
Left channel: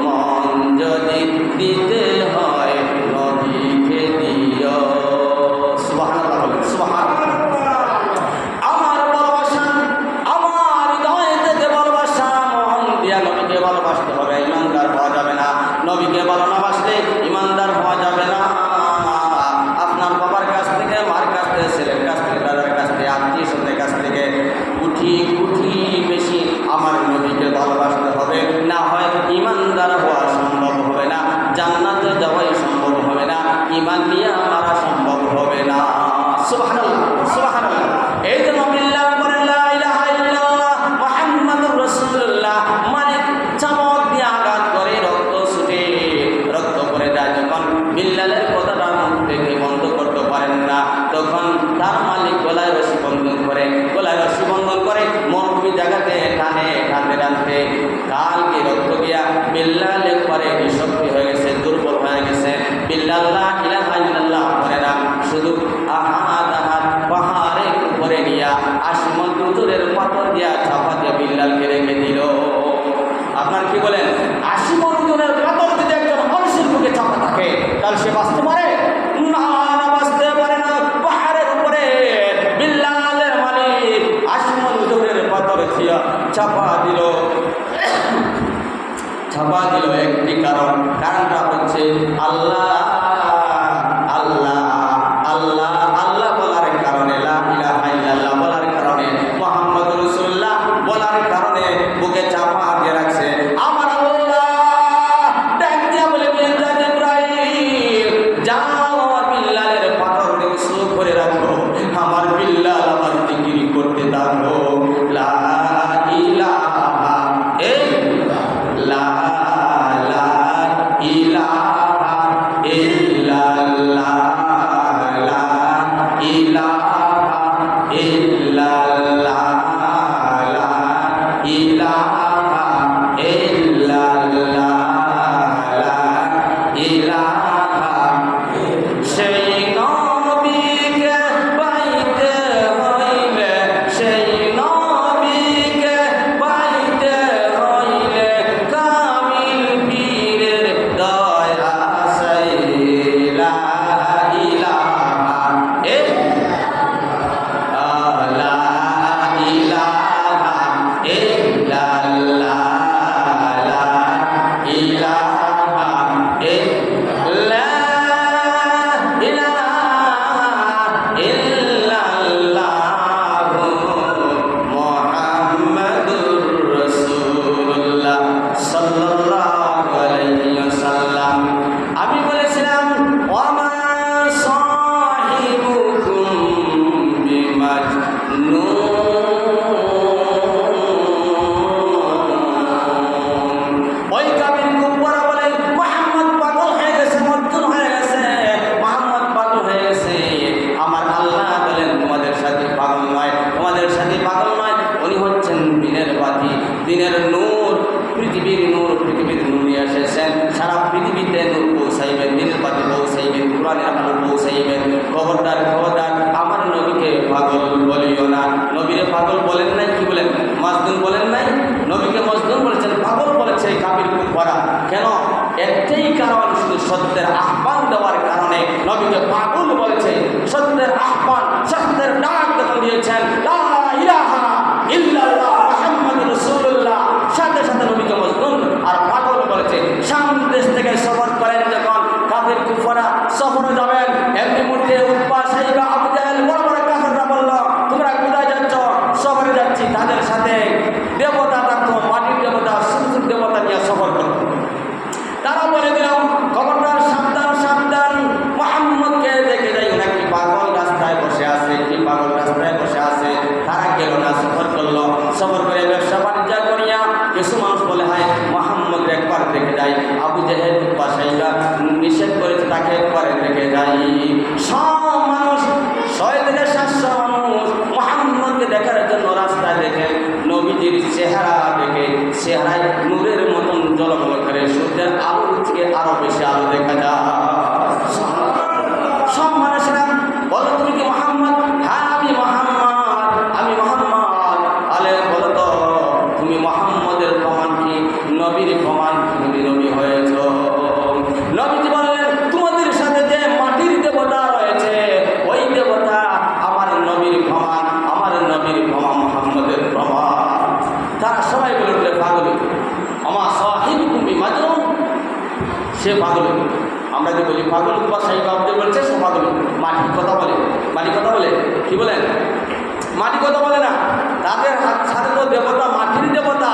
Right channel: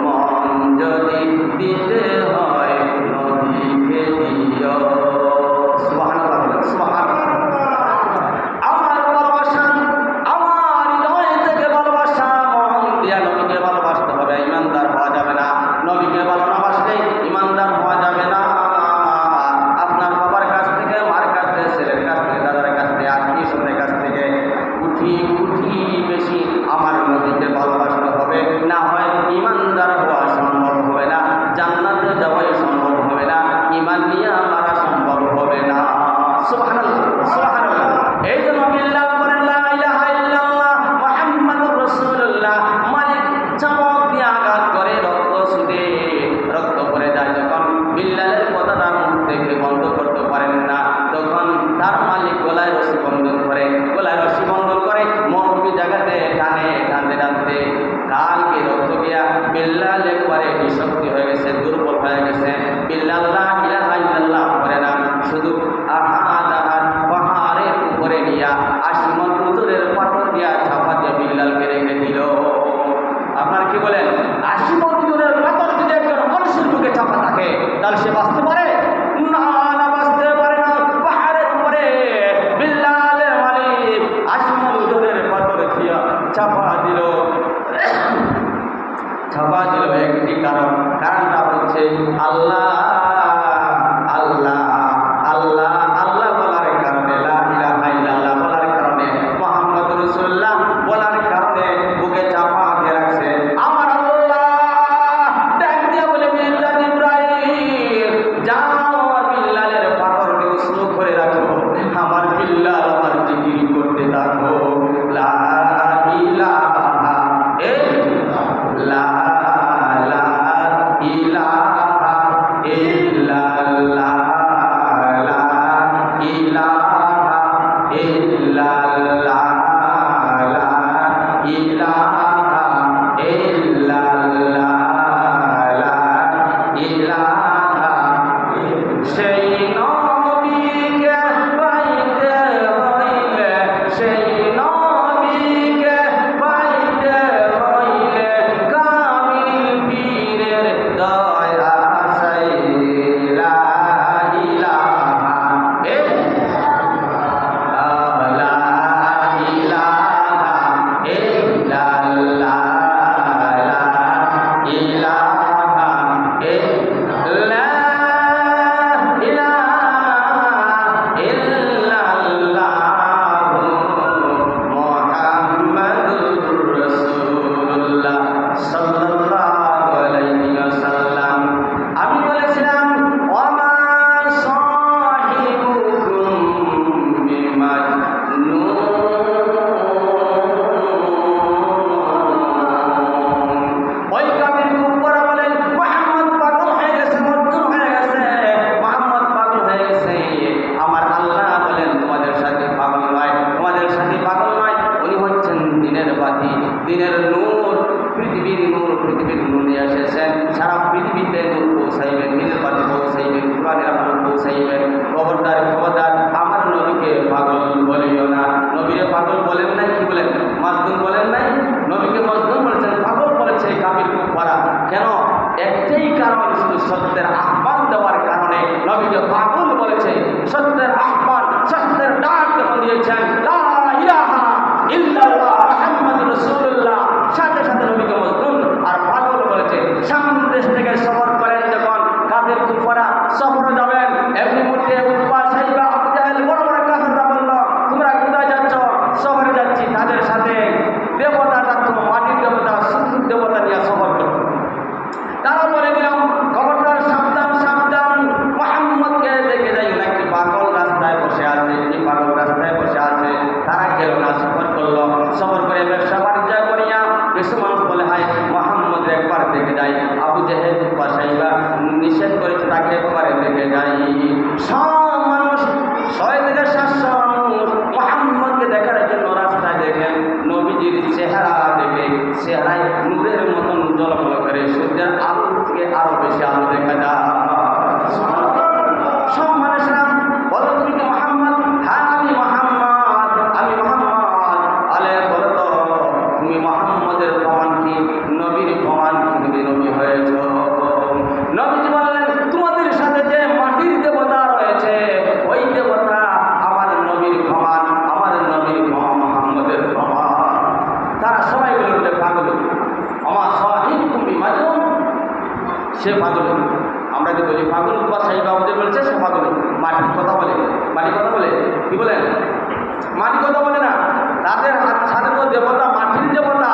মন যদি দিতে হয় নবীকে দিও। সুবহানাল্লাহ, সুবহানাল্লাহ। নবীকে ভালোবাসতে হবে, ইমানদার হওয়া যাবে না। নবীকে ভালো না বাসলে ইমানদার হওয়া যাবে না। আপনার বাবার কাছ থেকে, মার কাছ থেকে, ছেলের কাছ থেকে, দাদার কাছ থেকে, আত্মীয় স্বজনের কাছ থেকে উঠি বেশি আমার নবীকে ভালোবাসতে হবে। না হয় ইমানদার হওয়া সম্ভব হবে না, জান্নাতে যাওয়াই সম্ভব হবে না, ইমান নিয়ে মারা সম্ভব হবে না। সুবহানাল্লাহ, সুবহানাল্লাহ। এই জন্য বিল্লাহ বলেন লা ইলাহা ইল্লাল্লাহ মুহাম্মাদুর রাসূলুল্লাহ। মানে চামক দিয়ে আঘাত করে রক্ত ছুটে, রক্ত পড়ে যায়। যখন বিল্লালের কথাটা মুখ থেকে বন্ধ করতে পারেন না, তখন তার মালিক গলায় রশি বন্ধন করে, মরুভূমি জায়গাতে টানতে কালকে রক্ত গিয়া বিল্লাল একবারে নিঃশক্তি হয়ে গেছে, দুর্বল হয়ে গেছে। বিল্লাল লা ইলাহা ইল্লাল্লাহ পড়ে না, শুধু আহাদ পাহাড়ের উপরে নিয়া আসমান উজুরের পাথর দিয়া চাপা দিয়া বিল্লালকে রেখে দিল। আপনার কি বলেন? আসমান উজুরের পাথর যদি একজন মানুষের বুকে চাপা থাকে, তাহলে সে বাঁচতে পারে না? বাঁচতে পারে না। পাহাড়ের উপরে বিল্লালের মালিক আসমান উজুরের পাথর দিয়া চাপা দিল। একটি কারণটা হচ্ছে আল্লাহ আল্লাহ আল্লাহ আল্লাহ বলার কারণে, লা ইলাহা ইল্লাল্লাহ বলার কারণে, মুহাম্মদুর রাসূলুল্লাহ বলার কারণে বুকে চাপা দিয়ে রাখছে। আমার আল্লাহ ডাক দিয়া বলে, ইব্রাহিম যা বিমাজনুন। ওই কাফির কুফাররা বলে মুহাম্মদ পাগল হয়ে গেছে, মজনুন হয়ে গেছে, মুহাম্মদ পাগল হয়ে গেছে। আমার আল্লাহ বলেন তোমাদের সাথে পাগল নয়, তোমাদের সাথে পাগল নয়, উনি হচ্ছেন দিনের বাতি, দিনের নূর, পৃথিবীর নূর, পৃথিবীর নূর নিয়ে এসেছেন। সারা পৃথিবীতে নূর পৌঁছাইবেন, দিনের বাতি পৌঁছাইবেন, কোরআনের আলো পৌঁছাইবেন। খবরদার খবরদার, আমার নবীকে পাগল বলিও না। নবীরে পাগল বলেন নাই, কি বলেন? মাজনুন বলেন নাই, নবীকে মজনুন বলেছেন, পাগল বলেছে কাফির কুফাররা। কেন? একটাই কারণ, শুধু সত্যের আহ্বান দেওয়ার কারণে নবীকে পাগল বলেছে। সত্যের আহ্বান, সত্যের ডাক যখন দিয়েছেন, লা ইলাহা ইল্লাল্লাহ মুহাম্মাদুর রাসূলুল্লাহ, সাথে সাথে নবীকে মজনুন আর পাগল বলেছে। সামনের দেশ থেকে সফর করেন যখন কাফির কুফাররা, সফরে যাবেন, একটি মুহূর্তে উতবা, সাইবা, আবু জাহেল, বড় বড় কাফেররা বলল, তোমরা কোথায় যাচ্ছ? সফরে যাচ্ছি। তাদের সাথে দেবতা থাকতো, মাটির দেবতা, সূর্য দেবতা নিয়ে সফর করত। তারা বলে দিলাম, খবরদার, সাবধান সাবধান, মুহাম্মদকে দেখে যাই, নাকি পাগল রাস্তায় বসে আছে, কি পাগল রাস্তায় বসে আছে। তারা গেল না, সফর করলো। সফর করে ব্যবসা বাণিজ্য করিয়া কিছু মানুষ বলে, হায় মুহাম্মদ একবার দেখে যাই। আবু জাহেল বাসাইবা নিষেধ করেছে, তাকে একবার দেখে যাই। সব মানুষ, 6,700 মানুষ মুহাম্মদকে দেখার জন্য রাস্তায় দেখে, নবীজির চেহারা দেখে, চেহারায় নূরের মতন ঝলমল করে, সূর্যের আলো থেকে আরো বেশি আলো দেখা যায়। সব মানুষরা বলো, তুমি কি মুহাম্মদ? হ্যাঁ আমি মুহাম্মদ, আমি মুহাম্মদ। আলে বলো তো, তুমি মুহাম্মদের প্রমাণ কি? নবীর প্রমাণ কি? তুমি নবী হয়েছ? নবীজি বললেন, তোমাদের সাথে যে মাটির দেবতা রয়েছে, ওই দেবতা আমার নবীর প্রমাণ, আমার নবীর প্রমাণ, মুহাম্মদের প্রমাণ। তারা সবাই বললে, পাগল, আমার সাহিবকুম বিমাজনুন, সে পাগল। আমরা যে বলি পাগল, বা সাহিব আব্দুল বলছে সে পাগল। মাটির কথা বলে, মাটি কথা বলে, কি বলেন? মাটি কথা বলে না। তাদের হাত সাথে তো দেবতা, মাটির দেবতা।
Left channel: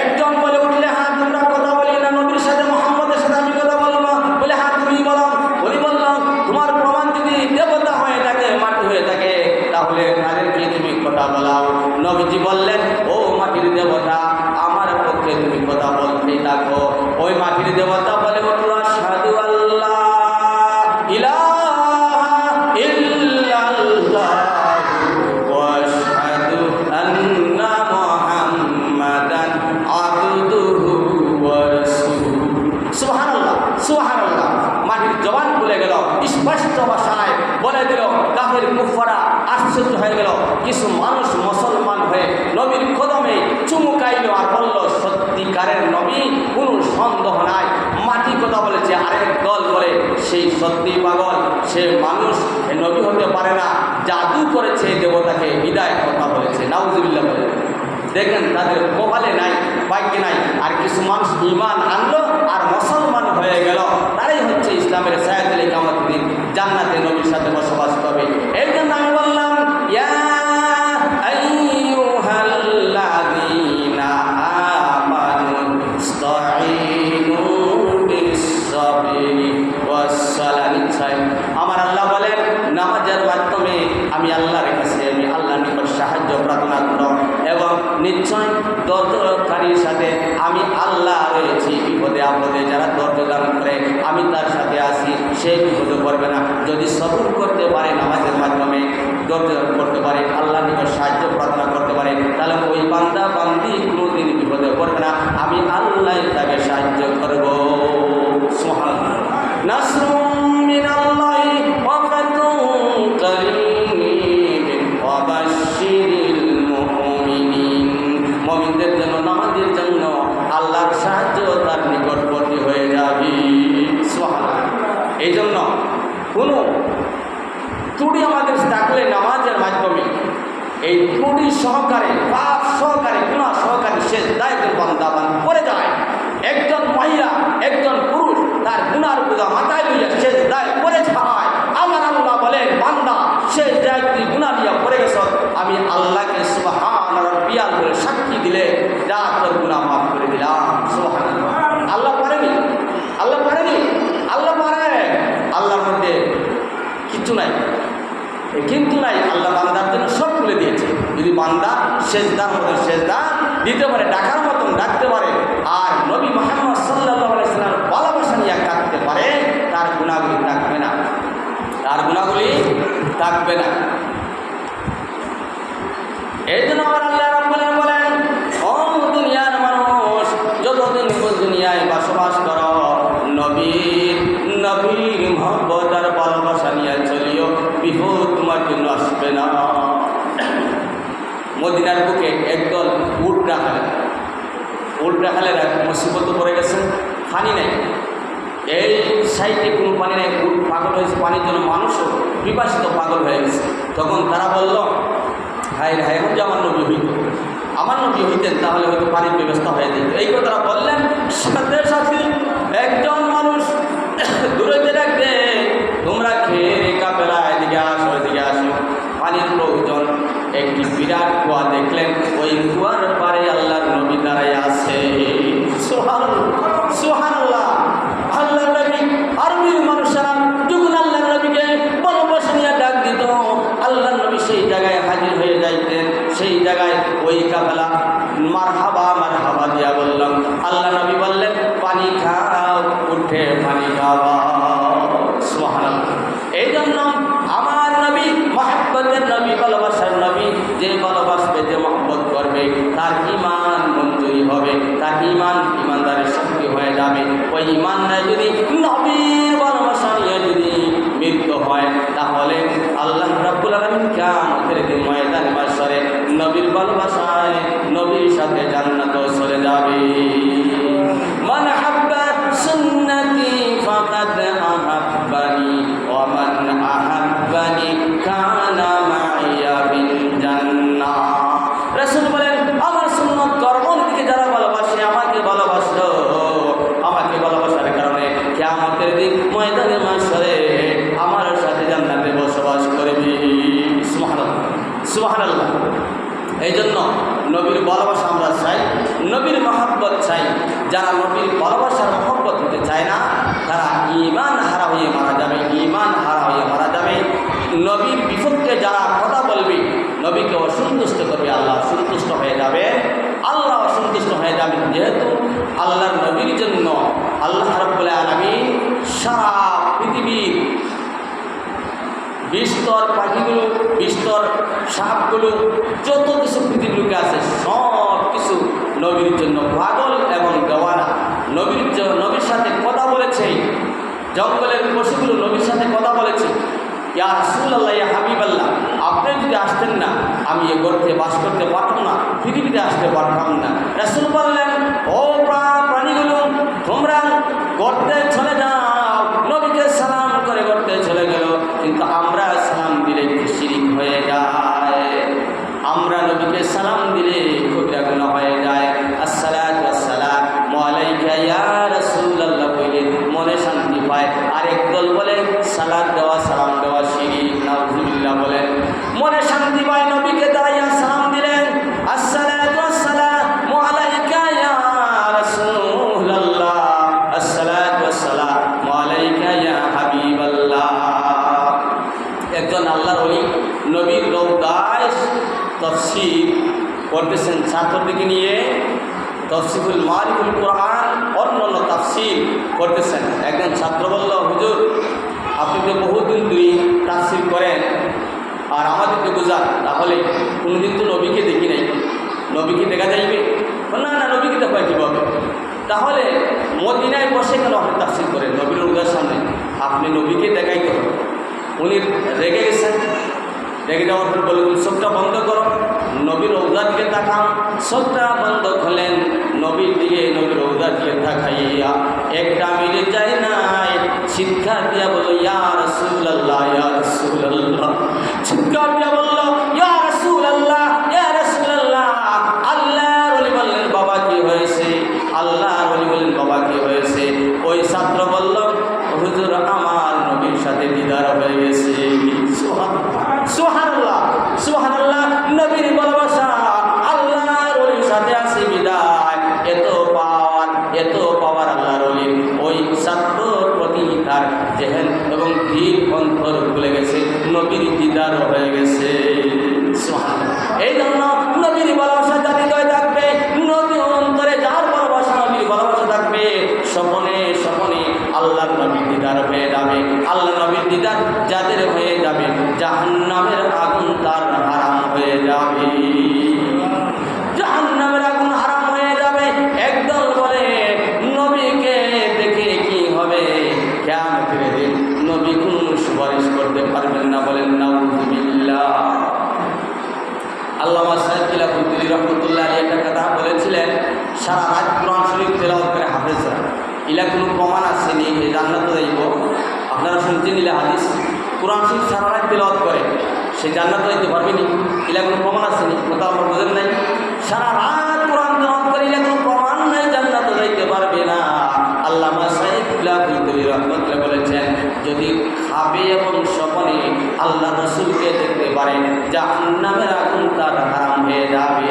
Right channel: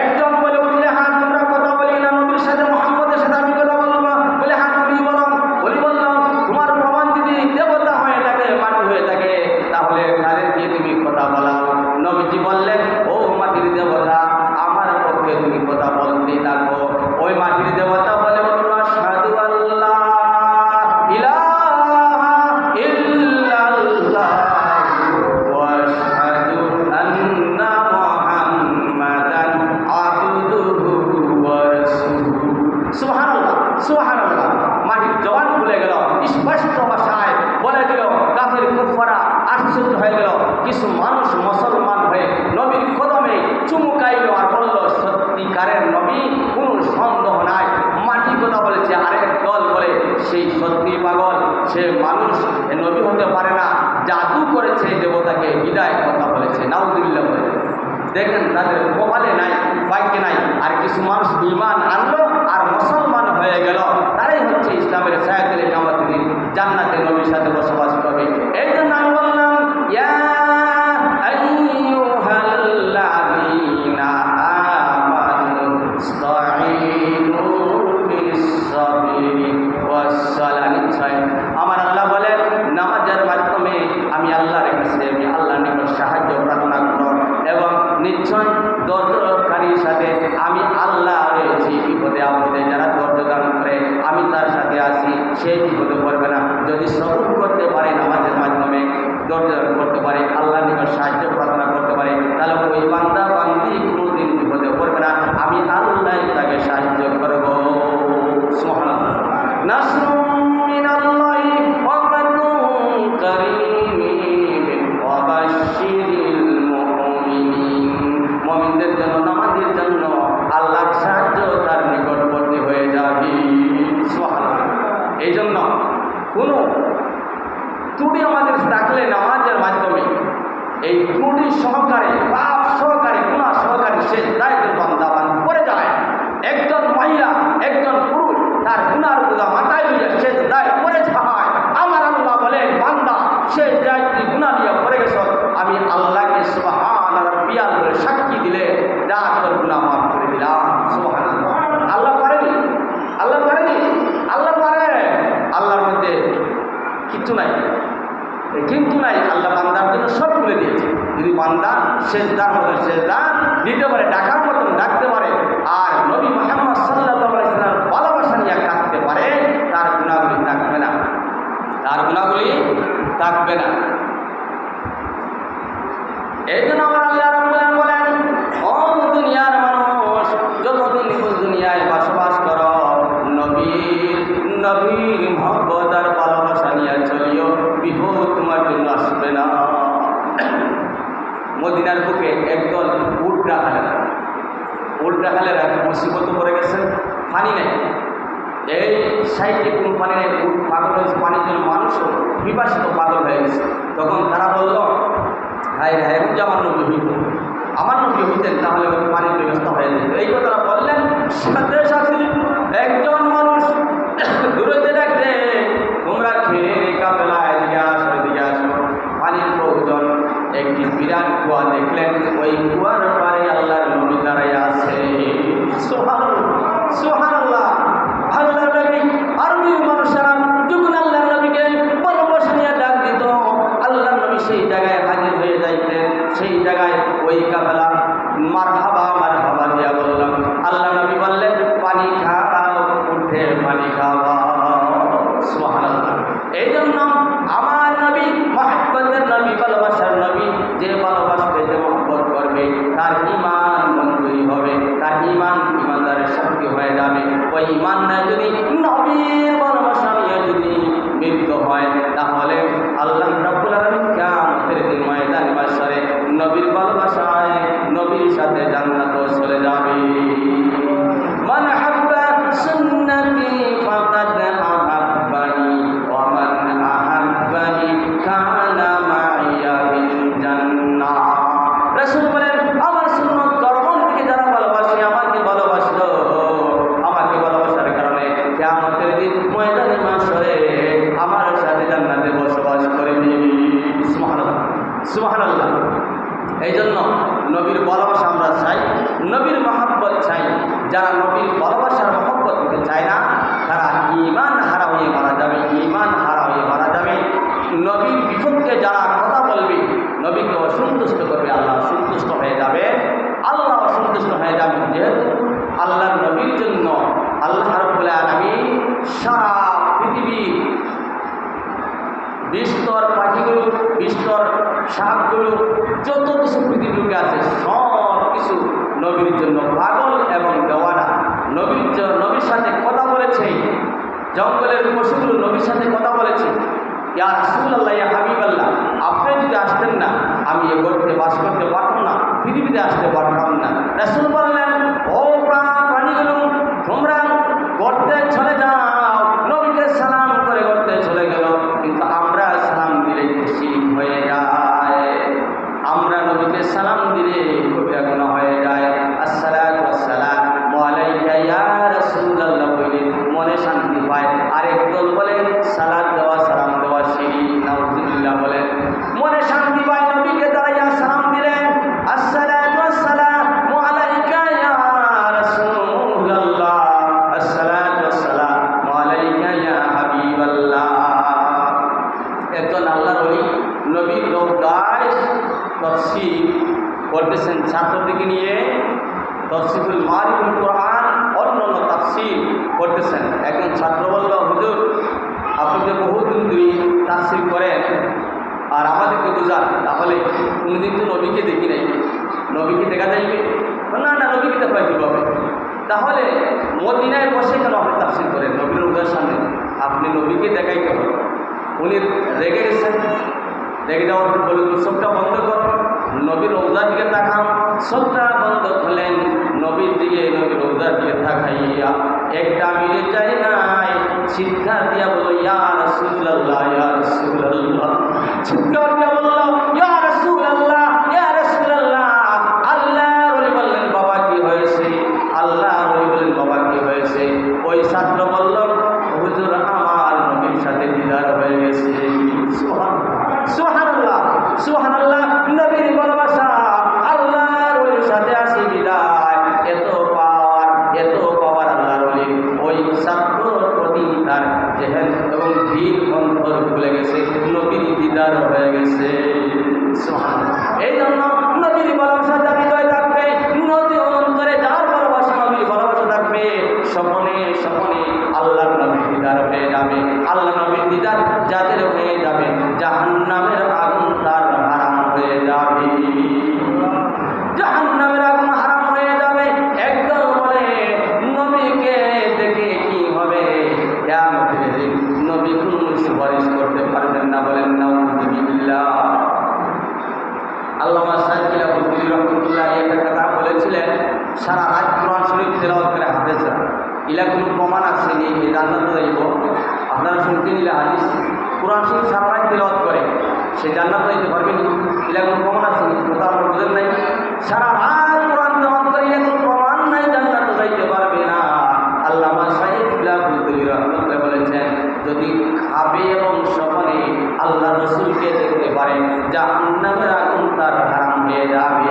একজন বলে উঠলে, হ্যাঁ তোমরা কথা বলি না নবীর সাথে, মুহাম্মদের সাথে আমি কথা বলবো। বলে, হ্যাঁ তুমি বলো। বলি বললাম, তোমার প্রমাণ যদি দেবতা হয়ে থাকে, মাটি হয়ে থাকে, তাহলে তাদেরকে তুমি কথা বলাও। নবীজি বললেন, ও মাটির দেবতা, আমার পক্ষে তুমি কথা বলতে থাকো। ওই মাটির দেবতা বলে উঠল, আশহাদু আল্লাহ ইলাহা ইল্লাল্লাহ ওয়া আশহাদু আন্না মুহাম্মাদান আবদুহু ওয়া রাসূলুহু। সুবহানাল্লাহ, সুবহানাল্লাহ। মাটির জবান খুলে গেল, স্পষ্ট ভাষায় বলে দিল। কাফির কুফাররা আশ্চর্য হয়ে গেল। কিছু মানুষ মুসলমান হয়ে নবীর কদমে চুমুকাইল আর বলল, সত্যিকারের নবী, কোনো সন্দেহ নাই। মাটি কথা বলেছে। আরেক দল বলে, সেই সত্যি পাগল, সে মানুষ, নবী হতে পারে না, জাদু করেছে, দেবতাকে বিদায় কথা বলেছে। নাউজুবিল্লাহ বলে। দেখেন তাদের কপালে নাই, ভাগ্যে নাই। আর কিছু মানুষ ঈমান আনলো আর মুসলমান হয়ে গেল। তারাই হচ্ছে ইসলামের সায়াতুল কিয়ামতের দিন জান্নাতে নবীর সাথে বসবাস করবে। এই জন্য আমি বললাম, ইয়া আইয়ুহাল্লাযীনা আমানু ইসতাঈনু বিস-সাবরি ওয়াস-সালাতি। আমার আল্লাহ বলেন, নামাজের মাধ্যমে আমি আল্লাহর কাছে, আমি আল্লাহর নিকট সাহায্য প্রার্থনা করো, এবং নিশ্চয় ধৈর্যকারীর সাথে আমি আল্লাহ রয়েছি। বিপদে আপদে যারা ধৈর্য দান করে, আমি তার সাথে আছি, সে বিপদে পড়বে না। যদি সবর করতে পারে, নামাজের মাধ্যমে ধৈর্য করতে পারে, আল্লাহর নিকট সাহায্য প্রার্থনা করতে পারে, তাহলে ওই বান্দা বান্দি কোনোদিন বিপদে পড়বে না। আমি আল্লাহ তাকে সাহায্য করব। সুবহানাল্লাহ। নাসরুম মিনাল্লাহি ওয়া ফাতুন কারীম ওয়া বাশশিরিল মুমিনিন। মুমিনদের জন্য, নামাজের জন্য আল্লাহর সাহায্য তার নিকটবর্তী হয়ে যাবে। সুবহানাল্লাহ। এই জন্য কোনো ত্রুটি আমাদের থাকলে নামাজের মাধ্যমে, এই ত্রুটি সহকারে, পাপ সহকারে, গুনাহ সহকারে সে দায়িত্বের বান্দা করে যায়। একজন মহিলা, একজন পুরুষ তার গুনার বোঝা মাথায় লইয়া সে দায় করে যায়। আমার আল্লাহ বলেন, বান্দা সে দায়িত্ব গুনাহ নিয়ে পড়ে গেছ, আমি আল্লাহকে সুবহান রাব্বিয়াল করে সাক্ষী দিলে যা তোর গুনাহ মাফ করে দিলাম। সুবহানাল্লাহ। আল্লাহ পারেনি? আল্লাহ পারেনি? আল্লাহ পারে। আল্লাহর মধ্যে কিছু নাই। কিন্তু নাই, আল্লাহ বান্দার জন্য সব খুলে দিয়েছে। যদি বান্দা সেজদার মধ্যে সেজদা দিতে পারে, ডাকার মতন ডাকতে পারে, আর নবী মুহাম্মদ সাল্লাল্লাহু আলাইহি ওয়াসাল্লাম ভালোবাসা নিয়ে ডাকতে পারে, তার গুনাহগুলি থাকবে না, তার গুনাহগুলি থাকবে না। এই জন্য আমার আল্লাহ রাব্বুল আলামিন বলেন, ও দুনিয়ার মানুষ, যতদিন দুনিয়ায় বসবাস করো, নবীর মহব্বত আর ভালোবাসা নিয়ে চলিও, বিপদ তোমার জন্য আসবে না। মদিনার বুকে একদল উট রাখালেরা মুসিবত পড়ে গেছেন, পানি নেই, এই সাইডে কোনো পানি নেই, উট পাগল হয়েছে পানির জন্য, মানুষও পিপাসিত পাগল হয়ে গেছে। তখন তারা বলল, হায় হায়, এখন যে আমার নবী হইতেন তাহলে হয়তো পানির ব্যবস্থা হয়ে যেত। এই কথাটা বললেন, সাথে সাথে একজন মানুষ দূরে ডাকতে, তোমরা খেয়ে কাপেলা, এদিকে আসো, পানির প্রয়োজন। একটি বিরাট কুয়া দেখলেন, ওই কুয়ার পারে আল্লাহর নবী দাঁড়াই আছে। সুবহানাল্লাহ। আল্লাহর নবী, আরবীর মানুষেরা যখন আল্লাহর নবীকে ভালোবাসা নিয়ে ডাক দিত, আল্লাহর নবী সেই জায়গায় হাজির হয়ে যাইতেন। সেই জায়গায় ওই কাফেলা মারহাবা দিয়া বললাম, আল্লাহ নবী বললেন, পানি খাও, উঠে পানি খাওয়া। সুবহানাল্লাহ। এই জন্য আমার নবী মহব্বতের নবী, ভালোবাসার নবী, যে ভালোবাসবে, যে মহব্বত করবে, তার ঈমান মঞ্জুরি হবে, তার ঈমানদারের শক্তি হয়ে যাবে। ওই ঈমান নাই যদি, নবীর ভালোবাসা নিয়ে যদি মৃত্যু হয়, তাহলে আল্লাহ রাব্বুল আলামিন কিয়ামতের দিন ময়দানে মাশরে নবীর ভালোবাসায় নবীর সাথে জান্নাতে চলে যাবে। মান হাব্বা সুন্নতি ফাকাদ আহাব্বানি ওয়া মান আহাব্বানি কানা মাইয়া বিল জান্নাহ। রাসূল বলেন, আমার সুন্নত কর্মের দিকে যারা ভালোবাসে, আমাকে ভালোবাসলো, আমাকে ভালোবাসার কারণে কিয়ামতের দিন ময়দানে মাশরে আমার সাথে জান্নাতে বসবাস করবে। সুবহানাল্লাহ, সুবহানাল্লাহ। এই জন্য নবীর ভালোবাসা আমরা চাই, নবীর মহব্বত চাই। যারা নবীর ভালোবাসার মহব্বত হতে চায় না, তারা ঈমান হারা হয়ে মারা যাবে, ঈমান হারা হয়ে মারা যাবে। নবীর বিপক্ষে যারা কথা বলবে, নবীকে অসন্তুষ্ট করবে, আল্লাহ সন্তুষ্ট হয়ে যাবে, আল্লাহ অসন্তুষ্ট হয়ে যাবে। যেহেতু আল্লাহর নবীর জন্য আল্লাহ রাব্বুল আলামিন সারা পৃথিবীর বিস্তর পাখিগুলো, বিস্তর সাপগুলো, যত কিছু পৃথিবীতে আছে, সব কিছু নবীর জন্য পাগল এবং দেওয়ানা। নবীর সাথে কথা বলেছে, জঙ্গলের পশুগুলো নবীর সাথে কথা বলেছে, ইয়া রাসূলুল্লাহ, ইয়া হাবিবাল্লাহ, আপনি যদি আসতেন না, আমি এ গর্তে বাস করতে পারতাম না, পৃথিবীতে আসতে পারতাম না। রাসূল বললেন, ও প্রাণীগুলো, তোমরা গর্তে চলে যাও। নবীকে সালাম করে গর্তে চলে গেল, কিন্তু আমরা সালাম দিলে শিরিক হয়ে যায়, আমরা নবীকে সালাম দিলে কবিরা গুনাহ হয়ে যায়। আসসালাতু ওয়াসসালামু আলাইকা ইয়া রাসূলুল্লাহ বলে মনে শান্তি পায়। আরেক দল বলে সালাত দেওয়া, সালাম দেওয়া শিরিক, নাউযুবিল্লাহ বলেন, মনে শান্তি পায়। নবীকে দাঁড়াইয়া সালাম দিলেন, আসসালাতু ওয়াসসালামু আলাইকা ইয়া রাসূলুল্লাহ, আসসালাতু ওয়াসসালামু আলাইকা ইয়া হাবিবাল্লাহ। একজন আল্লাহর ওলি নবীর রওদায় তাফসীর করতেছেন ছাত্রদিকে নিয়ে, তাফসীরুল মারিফুল কোরআন, অন্যান্য তাফসীর করতেছেন। একজন ছাত্র বলল, হুজুর, আপনি তো বহুদিন ধরে তাফসীর করেন, আর আমাদেরকে বোঝান, তাহলে কোনোদিন তো নবীকে দেখি নাই, নবীকে দেখা যাইবে? না না, নবীকে দেখা কীভাবে? তাহলে মদিনায় বসে কেন আপনি তাফসীর করেন? নবীর রওজার সামনে আপনি নবীকে দেখাইতে হবে। উনি রেগে গেছেন, রেগে যাওয়ার পর বলে, চোখটা বন্ধ করো, নবীর রওজার দিকে তাকান। চোখটা বন্ধ করলেন, নবীর দিকে, নবীর রওজার দিকে তাকাইয়া একটা মিনিট যায় নাই, চিৎকার দিয়া বলল, ইয়া রাসূলুল্লাহ, ইয়া রাসূলুল্লাহ। চিৎকার দিয়া বলল, ইয়া রাসূলুল্লাহ, ইয়া রাসূলুল্লাহ। আল্লাহর ওলি বললেন, বাবা কি হয়েছে? আল্লাহর ওলি বললেন, বাবা কি হয়েছে? ওই ছাত্র বলল, হুজুর, আমার নবীর সাথে দিদার হয়ে গেছে। সুবহানাল্লাহ, সুবহানাল্লাহ। নবীর ভালোবাসা, আল্লাহর ওলির সাথে আসি বিদায়, এত পাওয়ার আল্লাহর ওলির। ওই ছাত্রর প্রতি তার জেহেন এবং দিল অন্তর খুলে গেছে, নবীর দিদার গেছে। এই জন্য নবীর ভালোবাসা যার হৃদয় থাকবে, নবীর অন্তরে যার ভালোবাসা, নবীর ভালোবাসা থাকবে, স্বপনে স্বপনে আল্লাহর নবীর দিদার হয়ে যাবে। আল্লাহ নবীর দিদার যাদের হয়ে যাবে, জাহান্নামের আগুন তার হারাম হয়ে যাবে। জাহান্নামের আগুন হারাম হয়ে যাবে। একদল বলে নবীকে দেখে কি হবে, কিয়ামতের দিন নবী কোনো সুপারিশ করতে পারবেন না। বলেন নাউযুবিল্লাহ। আল্লামা সাইয়্যিদ আবুল রহমতুল্লাহ আলাইহি একটা কথা বলেছিলেন, সারা রাত কোরআন শরীফ তেলাওয়াত করে হাফেজরা, এলা কোনো প্রমাণ আছে নি যে জান্নাতে যাইব? আপনারা শুনছেন ইলা হাদিস? কোরআন শরীফ সারা রাত তেলাওয়াত করে সে জান্নাতে যাইতে পারবে নি? এলা কোনো প্রমাণ আছে নি? কথা আপনারা বুঝেন নাই? সারা রাত কোরআন তেলাওয়াত করে এলা কোনো প্রমাণ নাই জান্নাতে যাইতে পারবে না। আল্লামা সাইয়্যিদ আবুল রহমতুল্লাহ বলেছেন, যদি খাবে এবং স্বপনে আল্লাহ রসুলকে দেখতে পারে, জাহান্নামের আগুন তার হারাম হয়ে যাবে।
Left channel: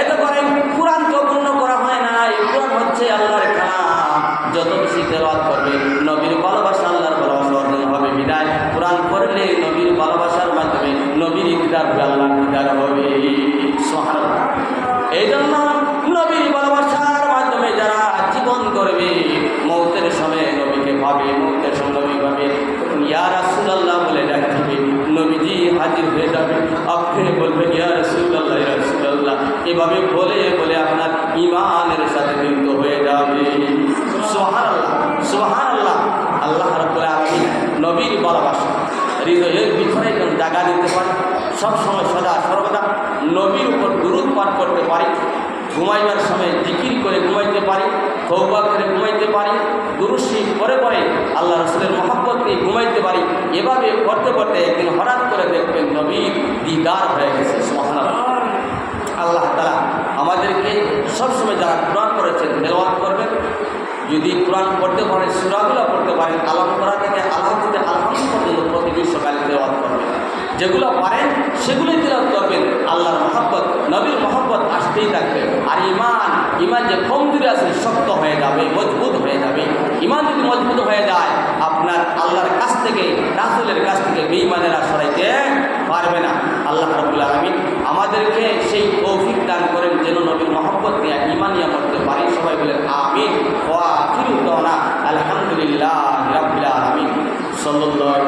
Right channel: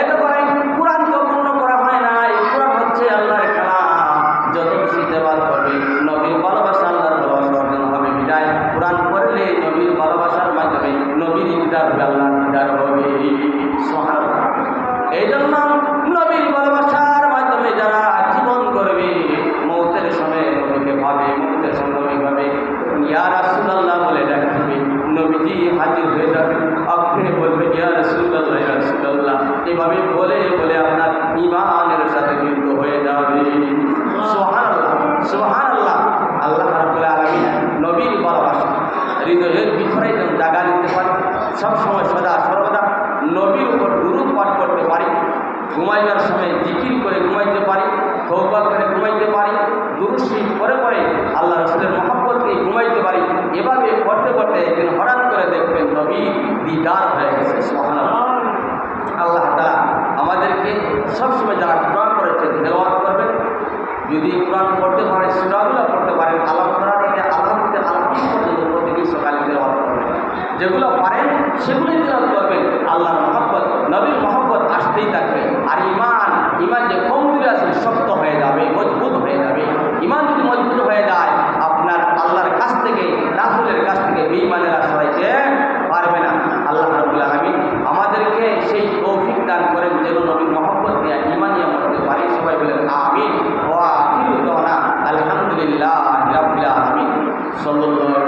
এত করে কোরআন তো পূর্ণ করা হয় না। এই কোরআন হচ্ছে আল্লাহর কালাম। যত বেশি তেলাওয়াত করবে, নবীর ভালোবাসা, আল্লাহর ভালোবাসা অর্জন হবে। বিদায় কোরআন পড়লে নবীর ভালোবাসার মাধ্যমে নবীর দিদার হবে, আল্লাহর দিদার হবে। সুবহানাল্লাহ। এই জন্য নবীর ভালোবাসার মাধ্যমে যারা জীবন করবে, মৌতের সময় নবীকে ভাবে, মৌতের সময় নবী ভাবে, ইয়া রাসূলুল্লাহ বলে ডাকবে, নবীজি হাজির হয়ে যাবে। আপনি বলবেন ইয়া রাসূলুল্লাহ, ইয়া রাসূলুল্লাহ, এভাবে বলে বলে আপনার ঈমানের সাথে যুক্ত হয়ে যাবে। সুবহানাল্লাহ, সুবহানাল্লাহ। আল্লাহ রাব্বুল আলামিন নবীর ভালোবাসা হৃদয়ের ভিতরে যেন জায়গা দিতে পারে, সবসময় সদা সর্বদা নবীর উপর দুরূদ পাঠ করতে পারি, ঘুমাইবার সময় জিকির করে ঘুমাইতে পারি, তওবা করে ঘুমাইতে পারি, দুরূদ শরীফ পরে পরে আল্লাহ রাসূলের মহব্বত নিয়ে ঘুমাইতে পারি। এভাবে পড়তে পড়তে একদিন হঠাৎ করে দেখবেন নবীর দিদার হয়ে গেছে। সুবহানাল্লাহ। আল্লাহ তাআলা আমাদেরকে সবসময় যারা কোরআন পড়েছেন তেলাওয়াত করবেন, যদি কোরআন পড়তে পারেন, সূরাগুলো পড়তে পারেন, আলাম তারা থেকে আল্লাহ থেকে আলহামদুলিল্লাহ পর্যন্ত প্রতিদিন সকালে তেলাওয়াত করবেন। যেগুলো পারেন সেগুলোই তেলাওয়াত করবেন। আল্লাহর মহব্বত, নবীর মহব্বত আসতেই থাকবে। আর ইমান যে কমজোরি আছে শক্ত হয়ে যাবে, মজবুত হয়ে যাবে। ইমান যদি মজবুত হয়ে যায়, আপনার আল্লাহর কাছ থেকে, রাসূলের কাছ থেকে বেঈমানেরা সরাইতে পারবে না। আল্লাহ রাব্বুল আলামিন আমাদেরকে সেই তৌফিক দান করেন যেন নবীর মহব্বত নিয়ে ইমান নিয়ে মরতে পারি। সবাই বলেন আমিন। ওয়া আখিরু দাওয়ানা আলহামদুলিল্লাহি রাব্বিল আলামিন। সাল্লাল্লাহু